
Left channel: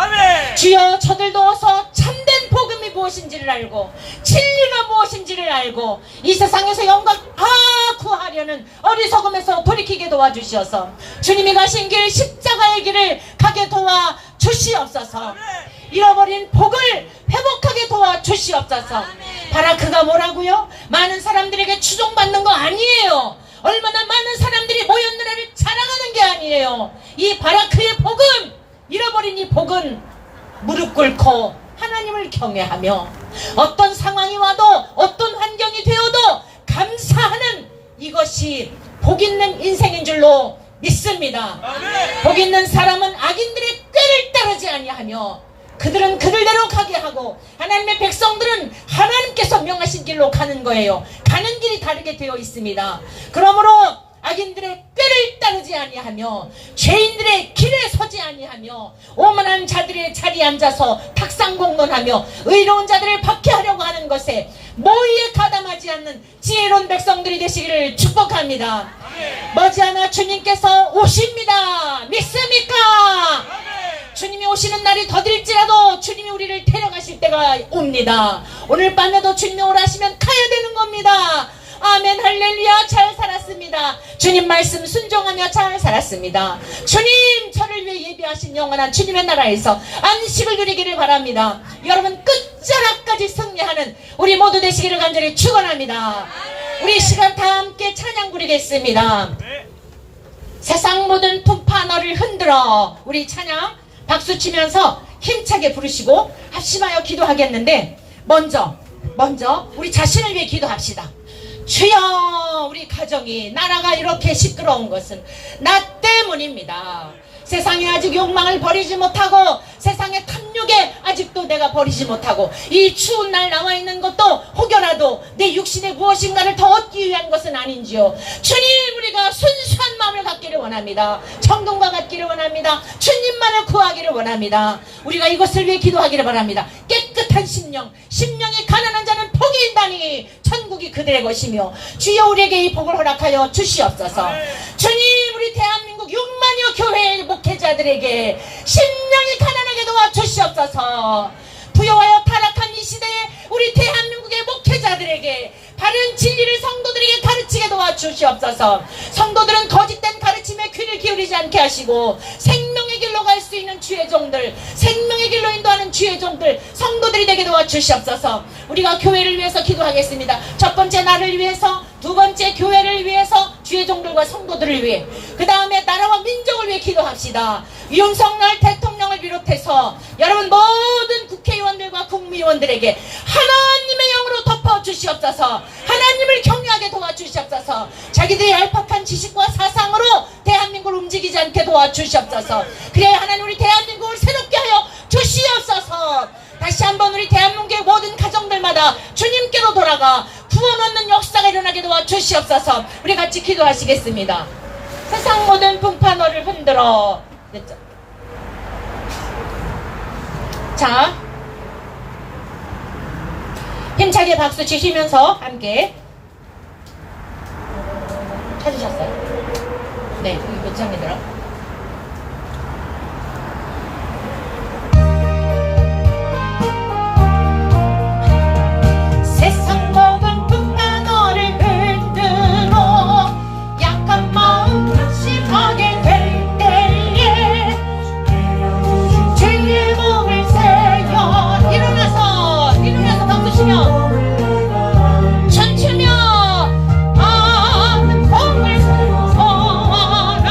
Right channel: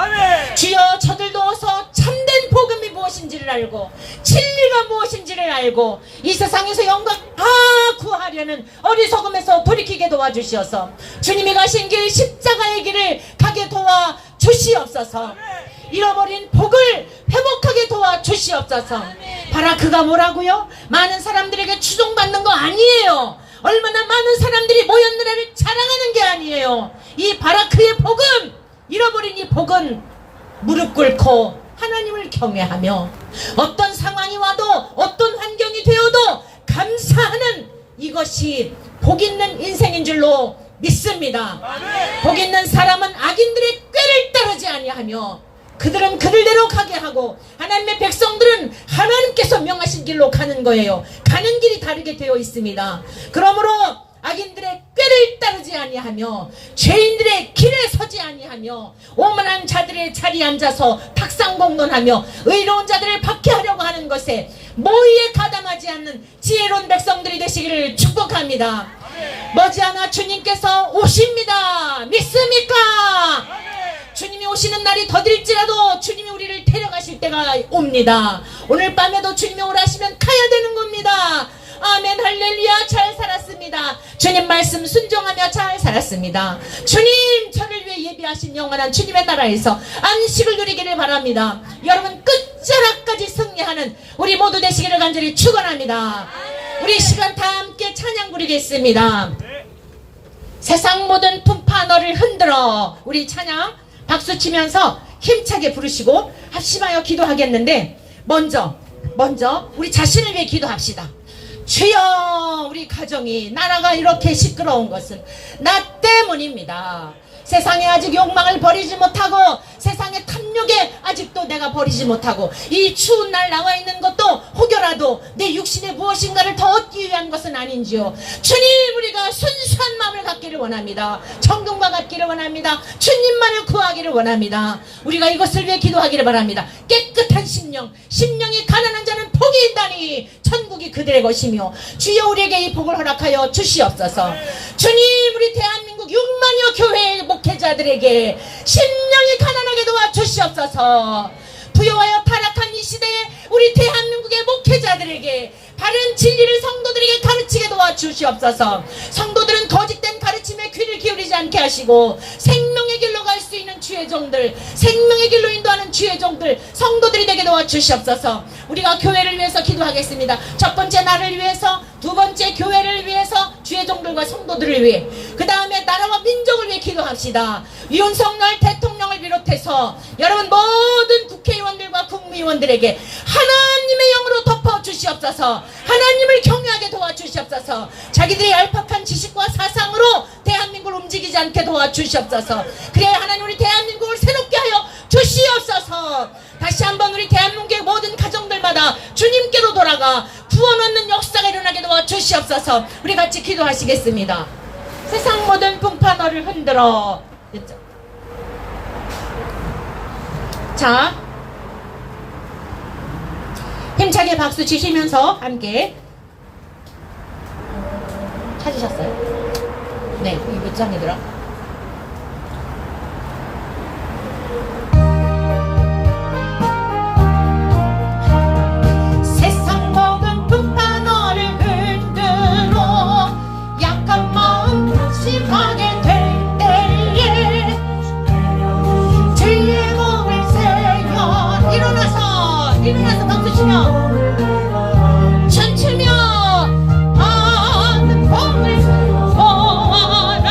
주여, 저들도 어서 참된 복음이 무엇인지를 알고 진리가 무엇인지를 알고 이 세상에서 영광 다 구하려는 어리석음에서 돌이키게 도와주시어서 주님이 가신 길 십자가의 길을 가게 도와주시옵소서. 잃어버린 복을 회복하게 도와주시옵소서. 바라크가 뭐라고요? 많은 사람들에게 추종받는 거 아니에요. 얼마나 많은 사람들이 모였느냐를 자랑하는 게 아니에요. 이 바라크의 복은, 잃어버린 이 복은 무릎 꿇고 하나님을 경외하며 어떤 상황이 와도 어떤 환경이 되어도 감사하는 이것이 복 있는 인생인 줄로 믿습니다. 복 있는 사람은 악인들의 꾀를 따르지 아니하며 그들은 그들대로 가게 하고 하나님의 백성들은 하나님께서 명하신 길로 가는 거예요. 가는 길이 다르게 되어 있습니다. 그러므로 악인들의 꾀를 따르지 아니하며 죄인들의 길에 서지 아니하며 오만한 자들의 자리에 앉아서 탁상공론하며 의로운 자들을 박해하려고 하는 것에 모의에 가담하지 않는 지혜로운 백성들이 되시기를 축복합니다. 머지않아 주님께서 오십니다. 믿습니까? 주님이 오시는 날이 더딜지라도 주님이 우리를 데려가실 때가 옵니다. 오늘 밤에도 주님이 오라 하시면 가야 되는 겁니다. 아멘, 할렐루야. 잘 살았습니다. 주님 말씀 순종하며 잘 살았습니다. 주님, 저를 위해 예비하신 영원한 주님의 나라에서 안식을 누리기를 바랍니다. 여러분, 끝자락까지 승리하는 우리 모두 되시기를 간절히 축원합니다. 우리 시간 다 함께 찬양 부리겠습니다. 세상 모든 풍파 너를 흔들어. 우리 찬양 박수 치면서 힘차게 부르시고 합심하여 기도하겠는데 먼저 우리 자신을 위해 기도합시다. 주여, 우리 가정이 나라가 이렇게 시끄러운 것은 나 때문입니다. 세상에 아직 욕망을 버리지 못하고 세상의 탐욕에 아직도 내가 버리지 못하고 이 추운 날 나와 있는 것도 혹여라도 내 육신에 무엇인가를 더 얻기 위한 것은 아닌지요. 주님, 우리가 순수한 마음을 갖기를 원합니다. 천국과 같기를 원합니다. 주님만을 구하기를 원합니다. 우리가 이것을 위해 기도하기를 바랍니다. 깨끗한 심령이 가난한 자는 복이 있다니 천국이 그들의 것이며 주여, 우리에게 이 복을 허락하여 주시옵소서. 주님, 우리 대한민국 6만여 교회의 목회자들에게 심령이 가난하게 도와주시옵소서. 부여하여 타락한 이 시대에 우리 대한민국의 목회자들에게 바른 진리를 성도들에게 가르치게 도와주시옵소서. 성도들은 거짓된 가르침에 귀를 기울이지 않게 하시고 생명의 길로 갈 수 있는 주의 종들, 생명의 길로 인도하는 주의 종들, 성도들이 되게 도와주시옵소서. 우리가 교회를 위해서 기도하겠습니다. 첫 번째 나를 위해서, 두 번째 교회를 위해서, 주의 종들과 성도들을 위해, 그 다음에 나라와 민족을 위해 기도합시다. 윤석열 대통령을 비롯해서 여러분 모든 국회의원들과 국무위원들에게 하나님의 영으로 덮어주시옵소서. 하나님을 경외하게 도와주시옵소서. 자기들이 얄팍한 지식과 사상으로 대한민국을 움직이지 않게 도와주시옵소서. 그래야 하나님 우리 대한민국을 새롭게 하여 주시옵소서. 다시 한번 우리 대한민국의 모든 가정들마다 주님께로 돌아가 구원 얻는 역사가 일어나게 도와주시옵소서. 우리 같이 기도하시겠습니다. 세상 모든 풍파 너를 흔들어. 자, 힘차게 박수 치시면서 함께 찾으셨어요? 네, 여기 몇 장이더라? 춤추며 하는 복을 소원하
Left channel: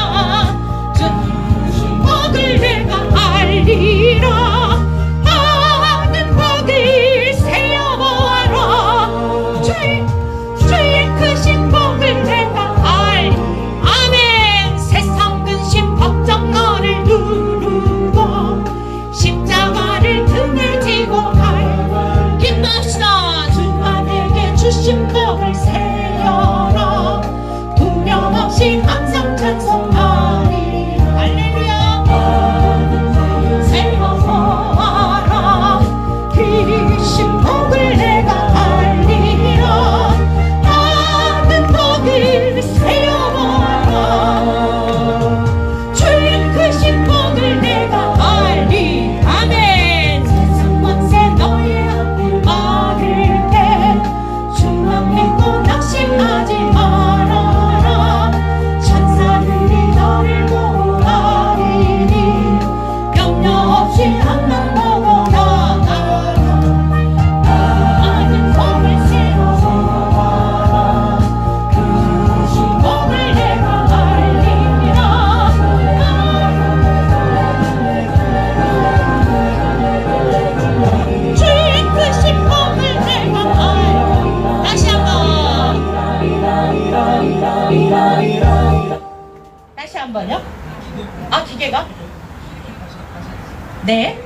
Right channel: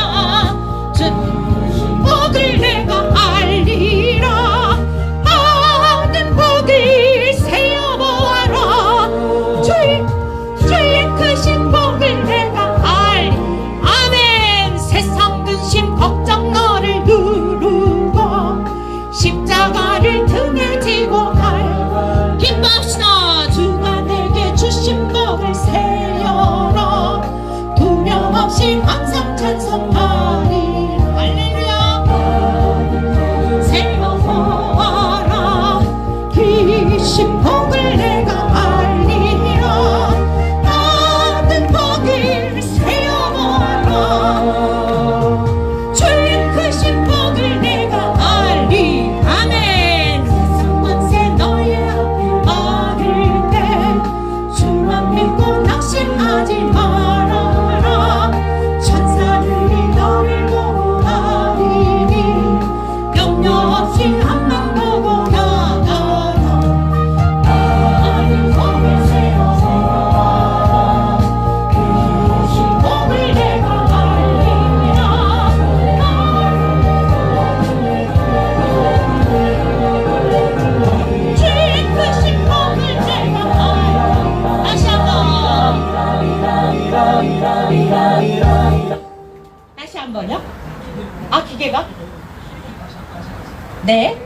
한번요. 아, 기계가? 네.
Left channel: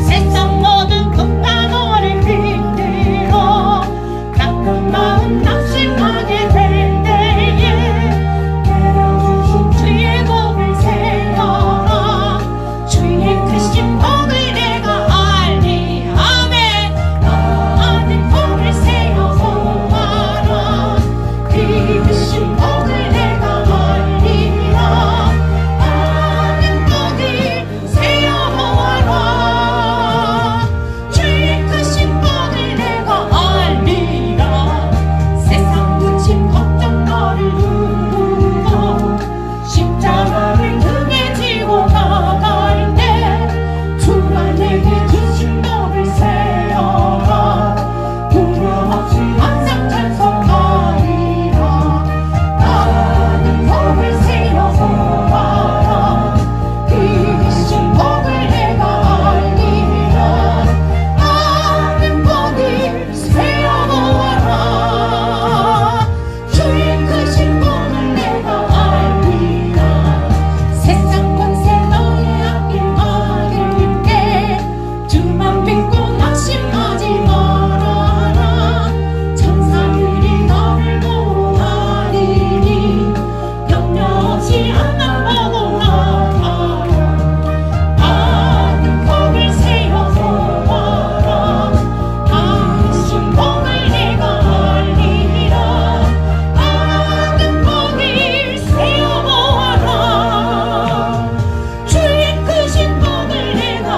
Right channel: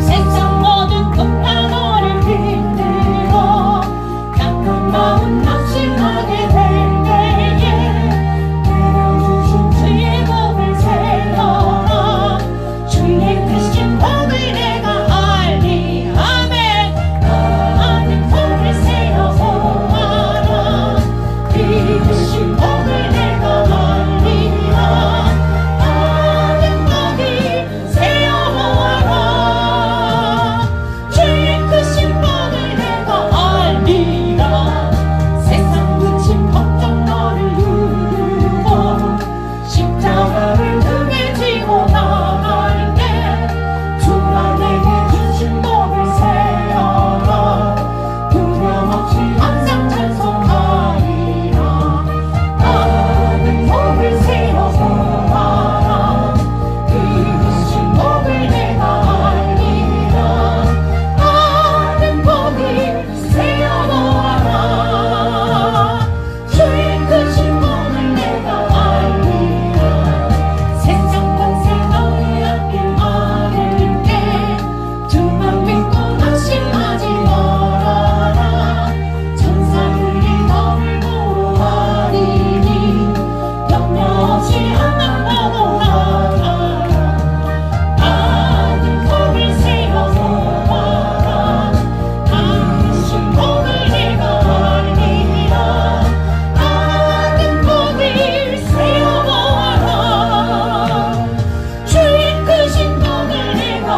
세상 모든 국가고를 흔들어 가끔 마음 낙심하게 될 때에 내려주신 주의 복을 세워 주의 크신 복을 내가 알리 아멘. 아멘. 복을 세워 보아라 이 크신 복을 내가 알리라. 아멘. 복을 세워 보아라 주의 크신 복을 내가 알리라. 세상 끝인 걱정 너를 누르고 십자가를 등에 지고 나갈 때 주가 내게 주신 복을 세어라. 두려움 없이 항상 찬송하리라. 아멘. 복을 세워 보아라 이 크신 복을 내가 알리라. 아멘. 복을 세워 보아라 주의 크신 복을 내가 알리라. 세상 권세 너의 앞길 막을게 주만 믿고 낙심하지 말아라. 천사들이 너를 보호하리니 염려 없이 항상 나가라. 아멘. 복을 세워 보아라 이 크신 복을 내가 알리라. 아멘. 복을 세워 보아라 주의 크신 복을 내가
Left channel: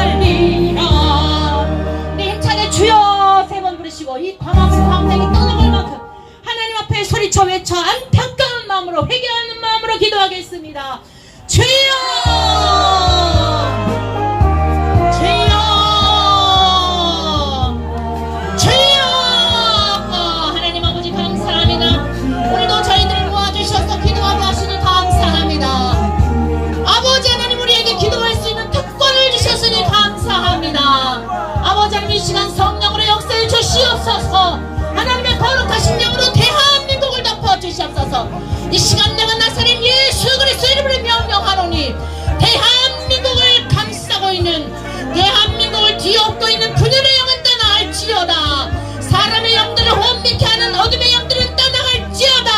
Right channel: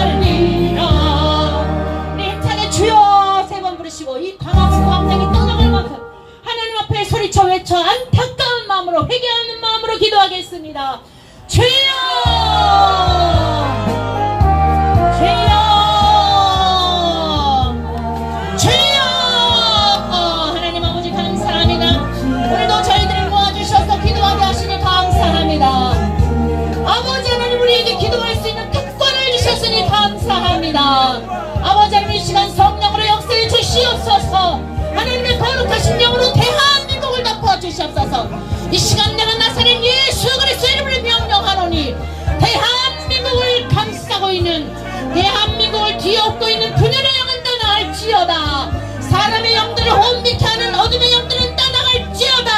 알리라. 네, 힘차게 주여 세 번 부르시고 이 광화문 광장이 떠나갈 만큼 하나님 앞에 소리쳐 외쳐 안타까운 마음으로 회개하는 마음으로 기도하겠습니다. 주여 주여 주여. 하나님 아버지 감사합니다. 오늘도 저희들을 모아주셔서 기도하게 하시니 감사합니다. 아버지 하나님 우리에게 기도할 수 있는 특권을 주셨으니 감사합니다. 아버지 하나님 이 시간 성령으로 역사해 주시옵소서. 하나님의 거룩하신 영으로 대한민국을 덮어주시옵소서. 이 시간 내가 나사렛 예수 그리스도의 이름으로 명령하노니 대한민국을 감싸고 있는 대한민국을 뒤엎고 있는 분열의 영은 떠나갈지어다. 사람의 영들을 혼미케 하는 어둠의 영들은 떠나갈지어다.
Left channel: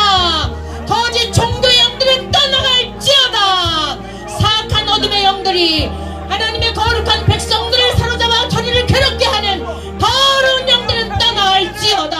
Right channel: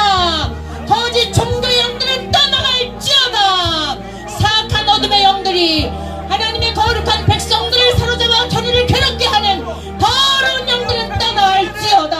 거짓 종교의 영들은 떠나갈지어다. 사악한 어둠의 영들이 하나님의 거룩한 백성들을 사로잡아 저리를 괴롭게 하는 더러운 영들은 떠나갈지어다.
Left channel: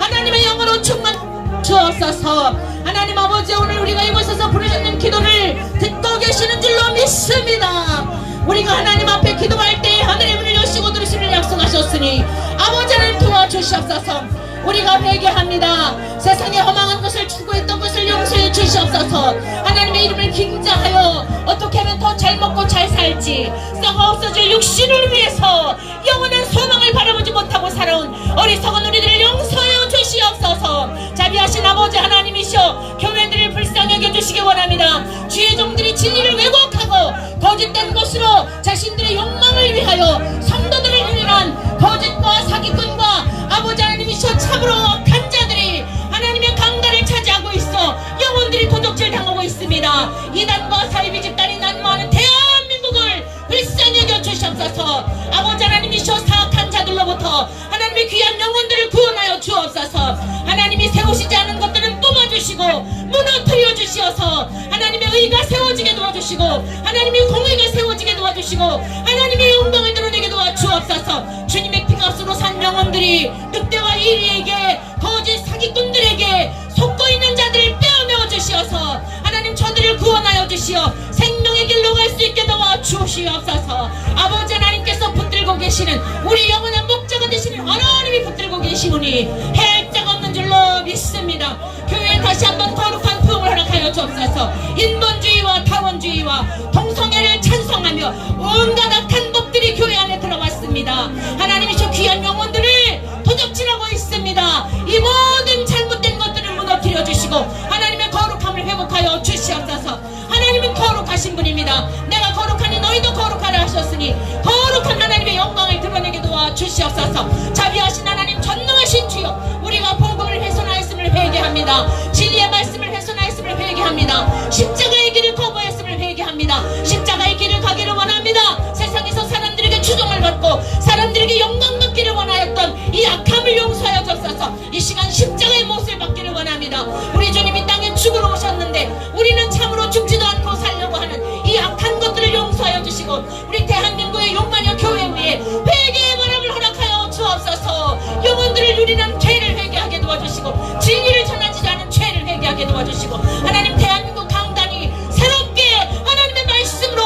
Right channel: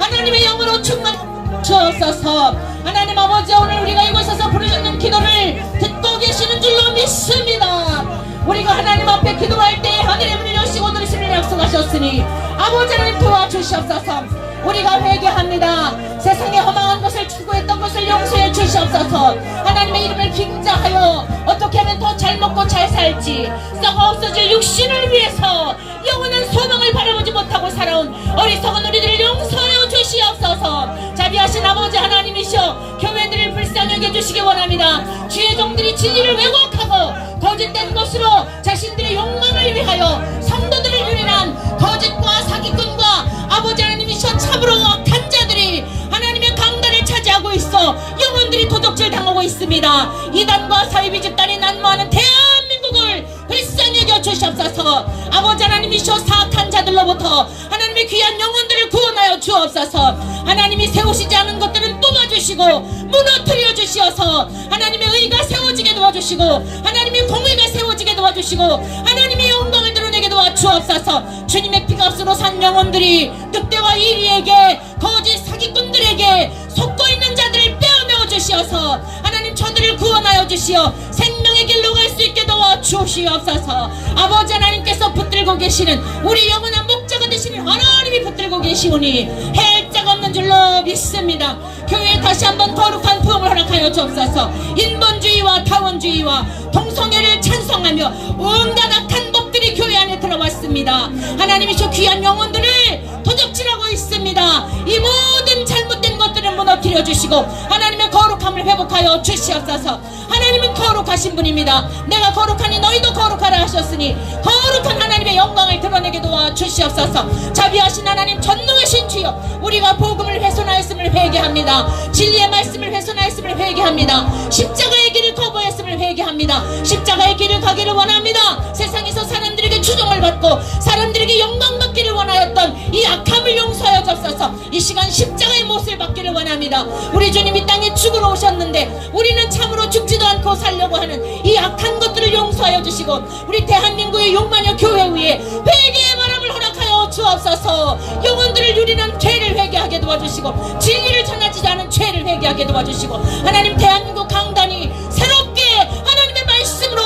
하나님의 영으로 충만 주옵소서. 하나님 아버지 오늘 우리가 이곳에서 부르셨는 기도를 듣고 계시는 줄로 믿습니다. 우리가 하나님 앞에 기도할 때 하늘의 문을 여시고 들으시는 약속하셨으니 아버지 하나님 도와주시옵소서. 우리가 회개합니다. 세상에 허망한 것을 추구했던 것을 용서해 주시옵소서. 하나님의 이름을 긴장하여 어떻게 하면 더 잘 먹고 잘 살지 썩어 없어질 육신을 위해서 영원한 소망을 바라보지 못하고 살아온 어리석은 우리들을 용서하여 주시옵소서. 자비하신 아버지 하나님이시여 교회들을 불쌍히 여겨주시기 원합니다. 주의 종들이 진리를 왜곡하고 거짓된 것으로 자신들의 욕망을 위하여 성도들을 유인한 거짓과 사기꾼과 아버지 하나님이시여 참으로 악한 자들이 하나님의 강단을 차지하고 있어 영혼들이 도적질 당하고 있습니다. 이단과 사이비 집단이 난무하는 대한민국을 불쌍히 여겨 주시옵소서. 아버지 하나님이시여 사악한 자들로부터 하나님의 귀한 영혼들을 구원하여 주옵소서. 하나님이 세우시지 않은 것들은 뽑아주시고 무너뜨려 주시어서 하나님의 의가 세워지게 도와주시고 하나님의 공의가 세워지게 도와주시고 하나님의 영광을 드러내게 도와주옵소서. 주님의 피값으로 산 영혼들이 늑대와 이리에게 거짓 사기꾼들에게 속고 있는 자들을 빼어내어 주시어서 하나님 저들을 구원하여 주시어 생명의 길로 갈 수 있게 도와주시옵소서. 아버지 하나님께서 붙들고 계시는 우리 영원한 목자가 되시는 하나님이 붙들고 계시오니 해할 자가 없는 줄로 믿습니다. 교회에 다시 한번 거룩한 부흥을 허락하여 주옵소서. 인본주의와 타원주의와 동성애를 찬성하며 온갖 악한 법들이 교회 안에 들어왔습니다. 하나님이 저 귀한 영혼들을 도적질하고 있습니다. 이 모든 잘못된 것들을 무너뜨려 주시고 하나님의 거룩함을 회복하여 주시옵소서. 하나님은 거룩하신 분입니다. 내가 거룩하니 너희도 거룩하라 하셨으니 거룩한 하나님의 영광을 드러내게 도와주시옵소서. 자비하신 하나님 전능하신 주여 우리가 복음을 훼손하였음을 회개합니다. 진리의 말씀을 훼손하였음을 회개합니다. 십자가의 길을 거부했음을 회개합니다. 십자가의 길을 가기를 원합니다. 세상에서 사람들에게 추종을 받고 사람들에게 영광받기를 원하였던 이 악함을 용서하여 주옵소서. 이 시간 십자가의 못을 받기를 원합니다. 우리 주님 이 땅에 죽으러 오셨는데 우리는 참으로 죽지도 않고 살려고 하는 이 악한 것들을 용서하여 주시고 우리 대한민국의 용마녀 교회 위에 회개의 바람을 허락하여 주옵소서. 영혼들을 유린한 죄를 회개하게 도와주시고 진리를 전하지 않은 죄를 회개하게 도와주시고 하나님 대한민국 강단이 새롭게 하나님의 말씀으로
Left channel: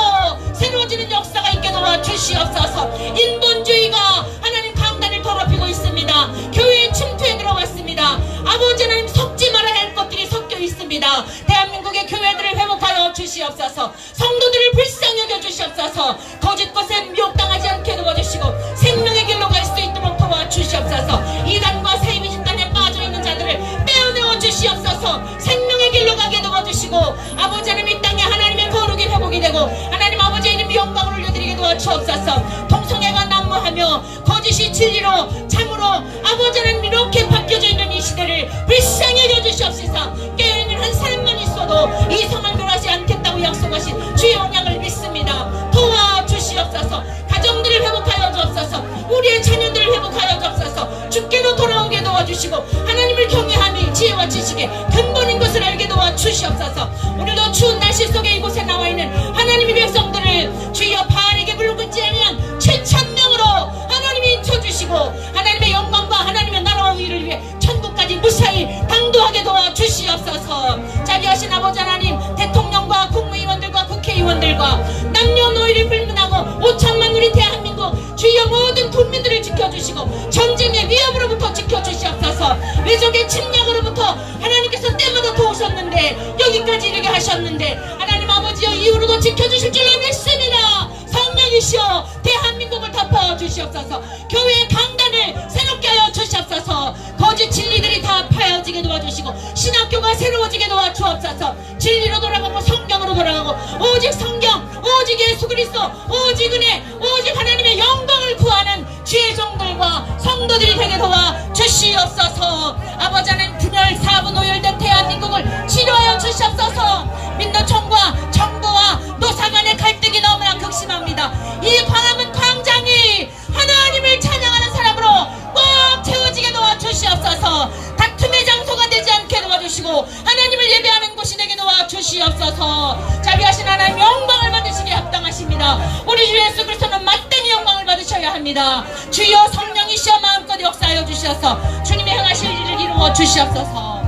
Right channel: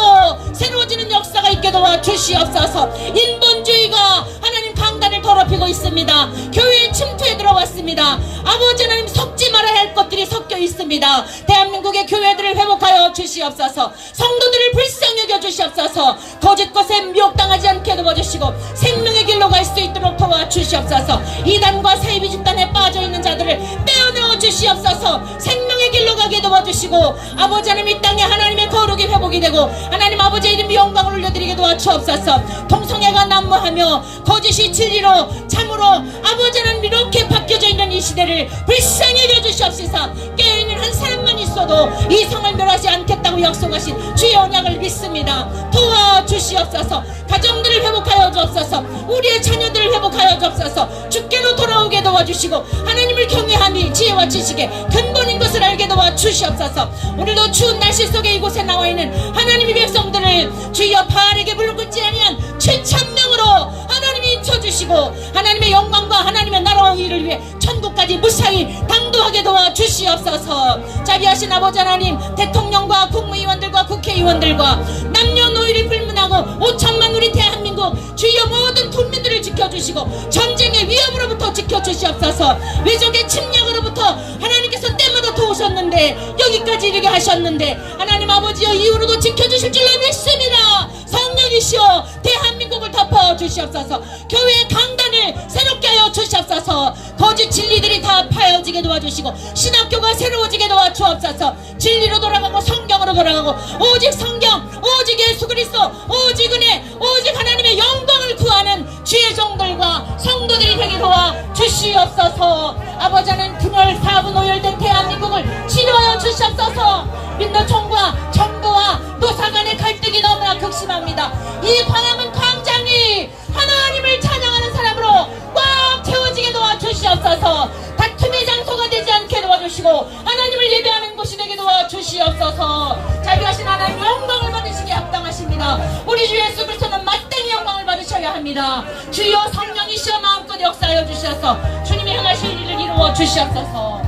새로워지는 역사가 있게 도와주시옵소서. 인본주의가 하나님 강단을 더럽히고 있습니다. 교회에 침투해 들어왔습니다. 아버지 하나님 섞지 말아야 할 것들이 섞여 있습니다. 대한민국의 교회들을 회복하여 주시옵소서. 성도들을 불쌍히 여겨 주시옵소서. 거짓 것에 미혹당하지 않게 도와주시고 생명의 길로 갈 수 있도록 도와주시옵소서. 이단과 사이비 집단에 빠져있는 자들을 떼어내어 주시옵소서. 생명의 길로 가게 도와주시고 아버지 하나님 이 땅에 하나님의 거룩이 회복이 되고 하나님 아버지의 이름 영광을 올려드리게 도와주옵소서. 동성애가 난무하며 거짓이 진리로 참으로 아버지 하나님 이렇게 바뀌어져 있는 이 시대를 불쌍히 여겨주시옵소서. 깨어있는 한 사람만 있어도 이 성을 멸하지 않겠다고 약속하신 주의 언약을 믿습니다. 도와주시옵소서. 가정들을 회복하여 주옵소서. 우리의 자녀들을 회복하여 주옵소서. 주께로 돌아오게 도와주시고 하나님을 경외함이 지혜와 지식의 근본인 것을 알게 도와주시옵소서. 오늘도 추운 날씨 속에 이곳에 나와있는 하나님의 백성들을 주여 바알에게 물고지 아니한 최천명으로 하나님이 인쳐주시고 하나님의 영광과 하나님의 나라와 의를 위해 천국까지 무사히 당도하게 도와주시옵소서. 자비하신 아버지 하나님 대통령과 국무위원들과 국회의원들과 남녀노이를 불문하고 5천만 우리 대한민국 주여 모든 국민들을 지켜주시고 전쟁의 위협으로부터 지켜주시옵소서. 외적의 침략으로부터 하나님께서 때마다 도우셨는데 여기까지 이르게 하셨는데 하나님 아버지여 이후로도 지켜주실 줄로 믿습니다. 성령이시여 대한민국을 덮어 주시옵소서. 교회의 강단을 새롭게 하여 주시옵소서. 거짓 진리들이 다 파여지게 도와주시고 신학교가 새로워지게 도와주옵소서. 진리로 돌아가고 성경으로 돌아가고 오직 성경 오직 예수 그리스도 오직 은혜 오직 하나님의 영광을 구하는 주의 종들과 성도들이 되게 도와주시옵소서. 아버지 하나님 분열 사분 오열된 대한민국을 치료하여 주시옵소서. 민노총과 정부와 노사 간의 갈등이 너무나 극심합니다. 이 광화문 광장이 하나님을 찬양하는 사람으로 꽉 채워지게 도와주시옵소서. 다툼의 장소가 되지 않게 도와주시고 하나님을 예배하는 곳이 되게 도와주시옵소서. 자비하신 하나님 영광을 받으시기에 합당하십니다. 우리 주 예수 그리스도는 마땅히 영광을 받으셔야 합니다. 주여 성령이시여 마음껏 역사하여 주시옵소서. 주님이 행하실 일을 이루어 주시옵소서.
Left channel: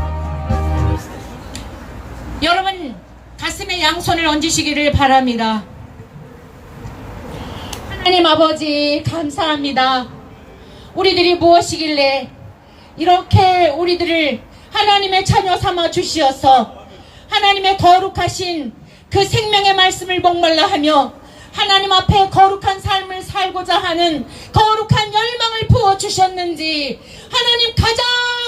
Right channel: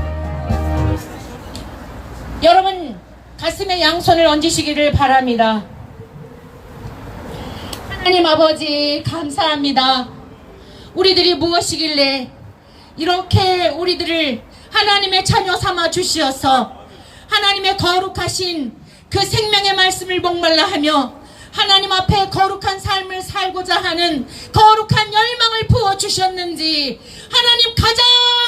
여러분 가슴에 양손을 얹으시기를 바랍니다. 하나님 아버지 감사합니다. 우리들이 무엇이길래 이렇게 우리들을 하나님의 자녀 삼아 주시어서 하나님의 거룩하신 그 생명의 말씀을 목말라 하며 하나님 앞에 거룩한 삶을 살고자 하는 거룩한 열망을 부어주셨는지 하나님 가장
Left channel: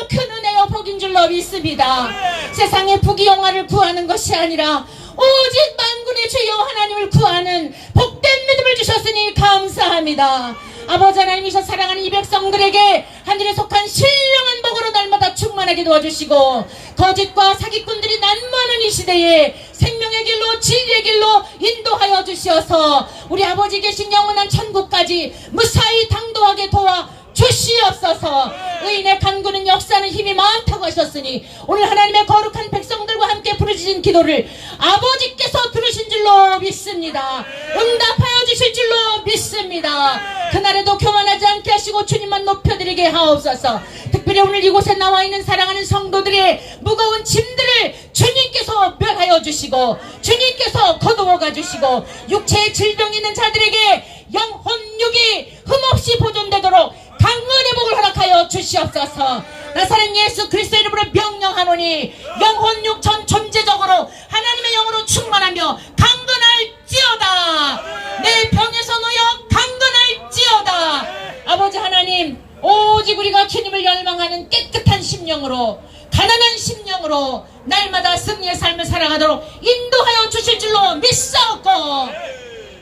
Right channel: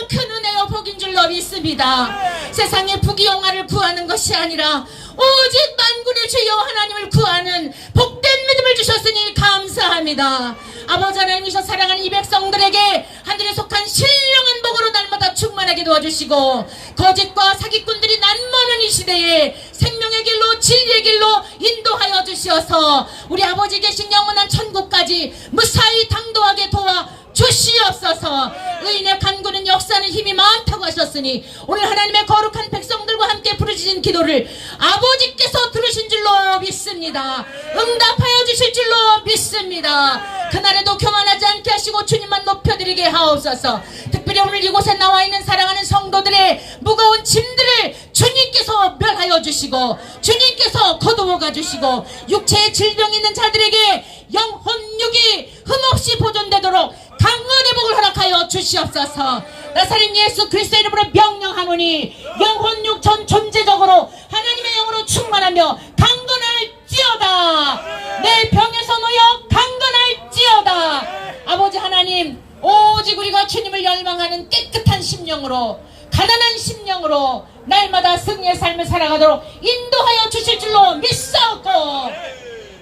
큰 은혜와 복인 줄로 믿습니다. 세상의 부귀영화를 구하는 것이 아니라 오직 만군의 주여 하나님을 구하는 복된 믿음을 주셨으니 감사합니다. 아버지 하나님이셔 사랑하는 이 백성들에게 하늘에 속한 신령한 복으로 날마다 충만하게 도와주시고 거짓과 사기꾼들이 난무하는 이 시대에 생명의 길로 진리의 길로 인도하여 주시어서 우리 아버지 계신 영원한 천국까지 무사히 당도하게 도와 주시옵소서. 의인의 간구는 역사하는 힘이 많다고 하셨으니 오늘 하나님의 거룩한 백성들과 함께 부르짖은 기도를 아버지께서 들으신 줄로 믿습니다. 응답하여 주실 줄로 믿습니다. 그날에도 교만하지 않게 하시고 주님만 높여드리게 하옵소서. 특별히 오늘 이곳에 나와 있는 사랑하는 성도들의 무거운 짐들을 주님께서 멸하여 주시고 주님께서 거두어 가주시고 육체의 질병이 있는 자들에게 영혼육이 흠없이 보존되도록 강건의 복을 허락하여 주시옵소서. 나사렛 예수 그리스도 이름으로 명령하노니 영혼육 전 존재적으로 하나님의 영으로 충만하며 강건할지어다. 내 병에서 놓여 강건할지어다. 아버지 하나님 오직 우리가 주님을 열망하는 깨끗한 심령으로 가난한 심령으로 날마다 승리의 삶을 살아가도록 인도하여 주실 줄로 믿사옵고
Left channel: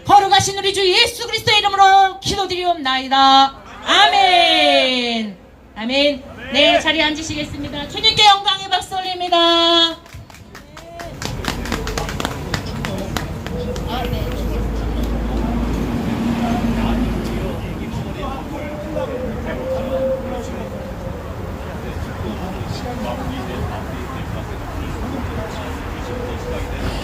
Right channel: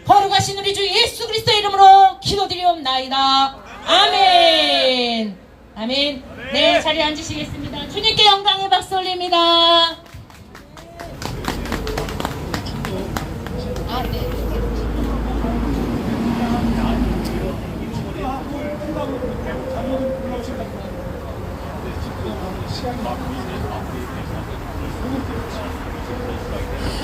거룩하신 우리 주 예수 그리스도의 이름으로 기도드리옵나이다. 아멘. 아멘. 네, 자리에 앉으시겠습니다. 주님께 영광의 박수 올립니다.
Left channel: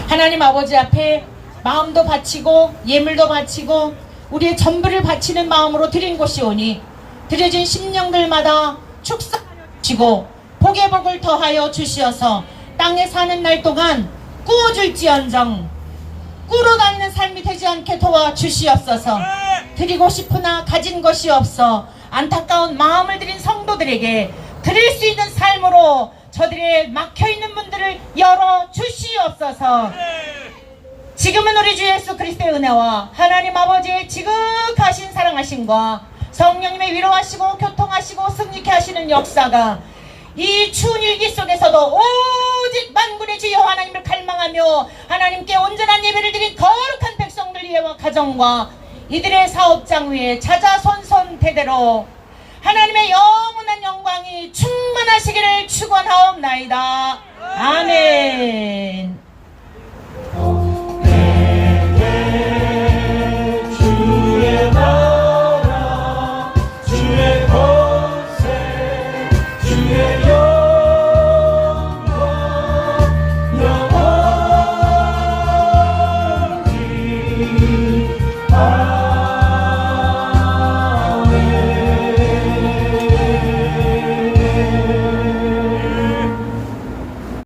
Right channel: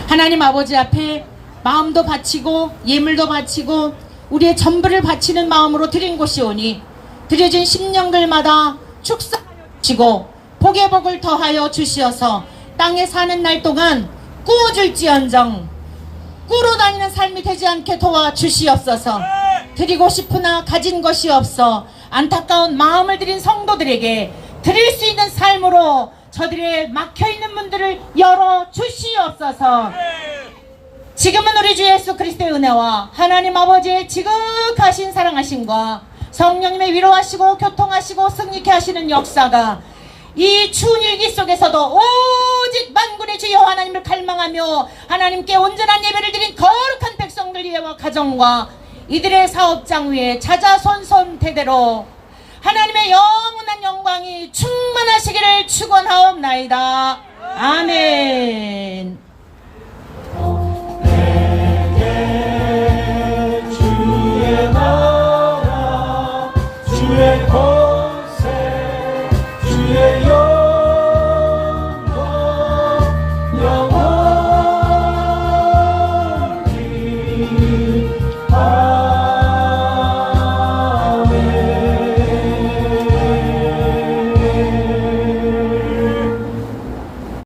하나님 아버지 앞에 마음도 바치고 예물도 바치고 우리의 전부를 바치는 마음으로 드린 곳이오니 드려진 십년들마다 축사하여 주시고 복의 복을 더하여 주시어서 땅에 사는 날 동안 꾸어줄지언정 꾸러 다니는 삶이 되지 않게 도와주시옵소서. 드리고 싶으나 가진 것이 없어 안타까운 마음을 드린 성도들에게 드릴 수 있는 삶으로 저들의 막혀있는 문들을 열어주시옵소서. 지금은 우리 주 예수 그리스도의 은혜와 하나님 아버지의 지극하신 사랑하심과 성령님의 위로하시고 교통하시고 승리케 하시는 역사가 이 추운 일기 속에서도 오직 만군의 주여 하나님을 갈망하며 하나님께 온전한 예배를 드린 거룩한 백성들 위에와 가정과 이들의 사업장 위에 자자손손 대대로 하나님의 영원한 영광이 충만하시기를 축원하옵나이다. 아멘.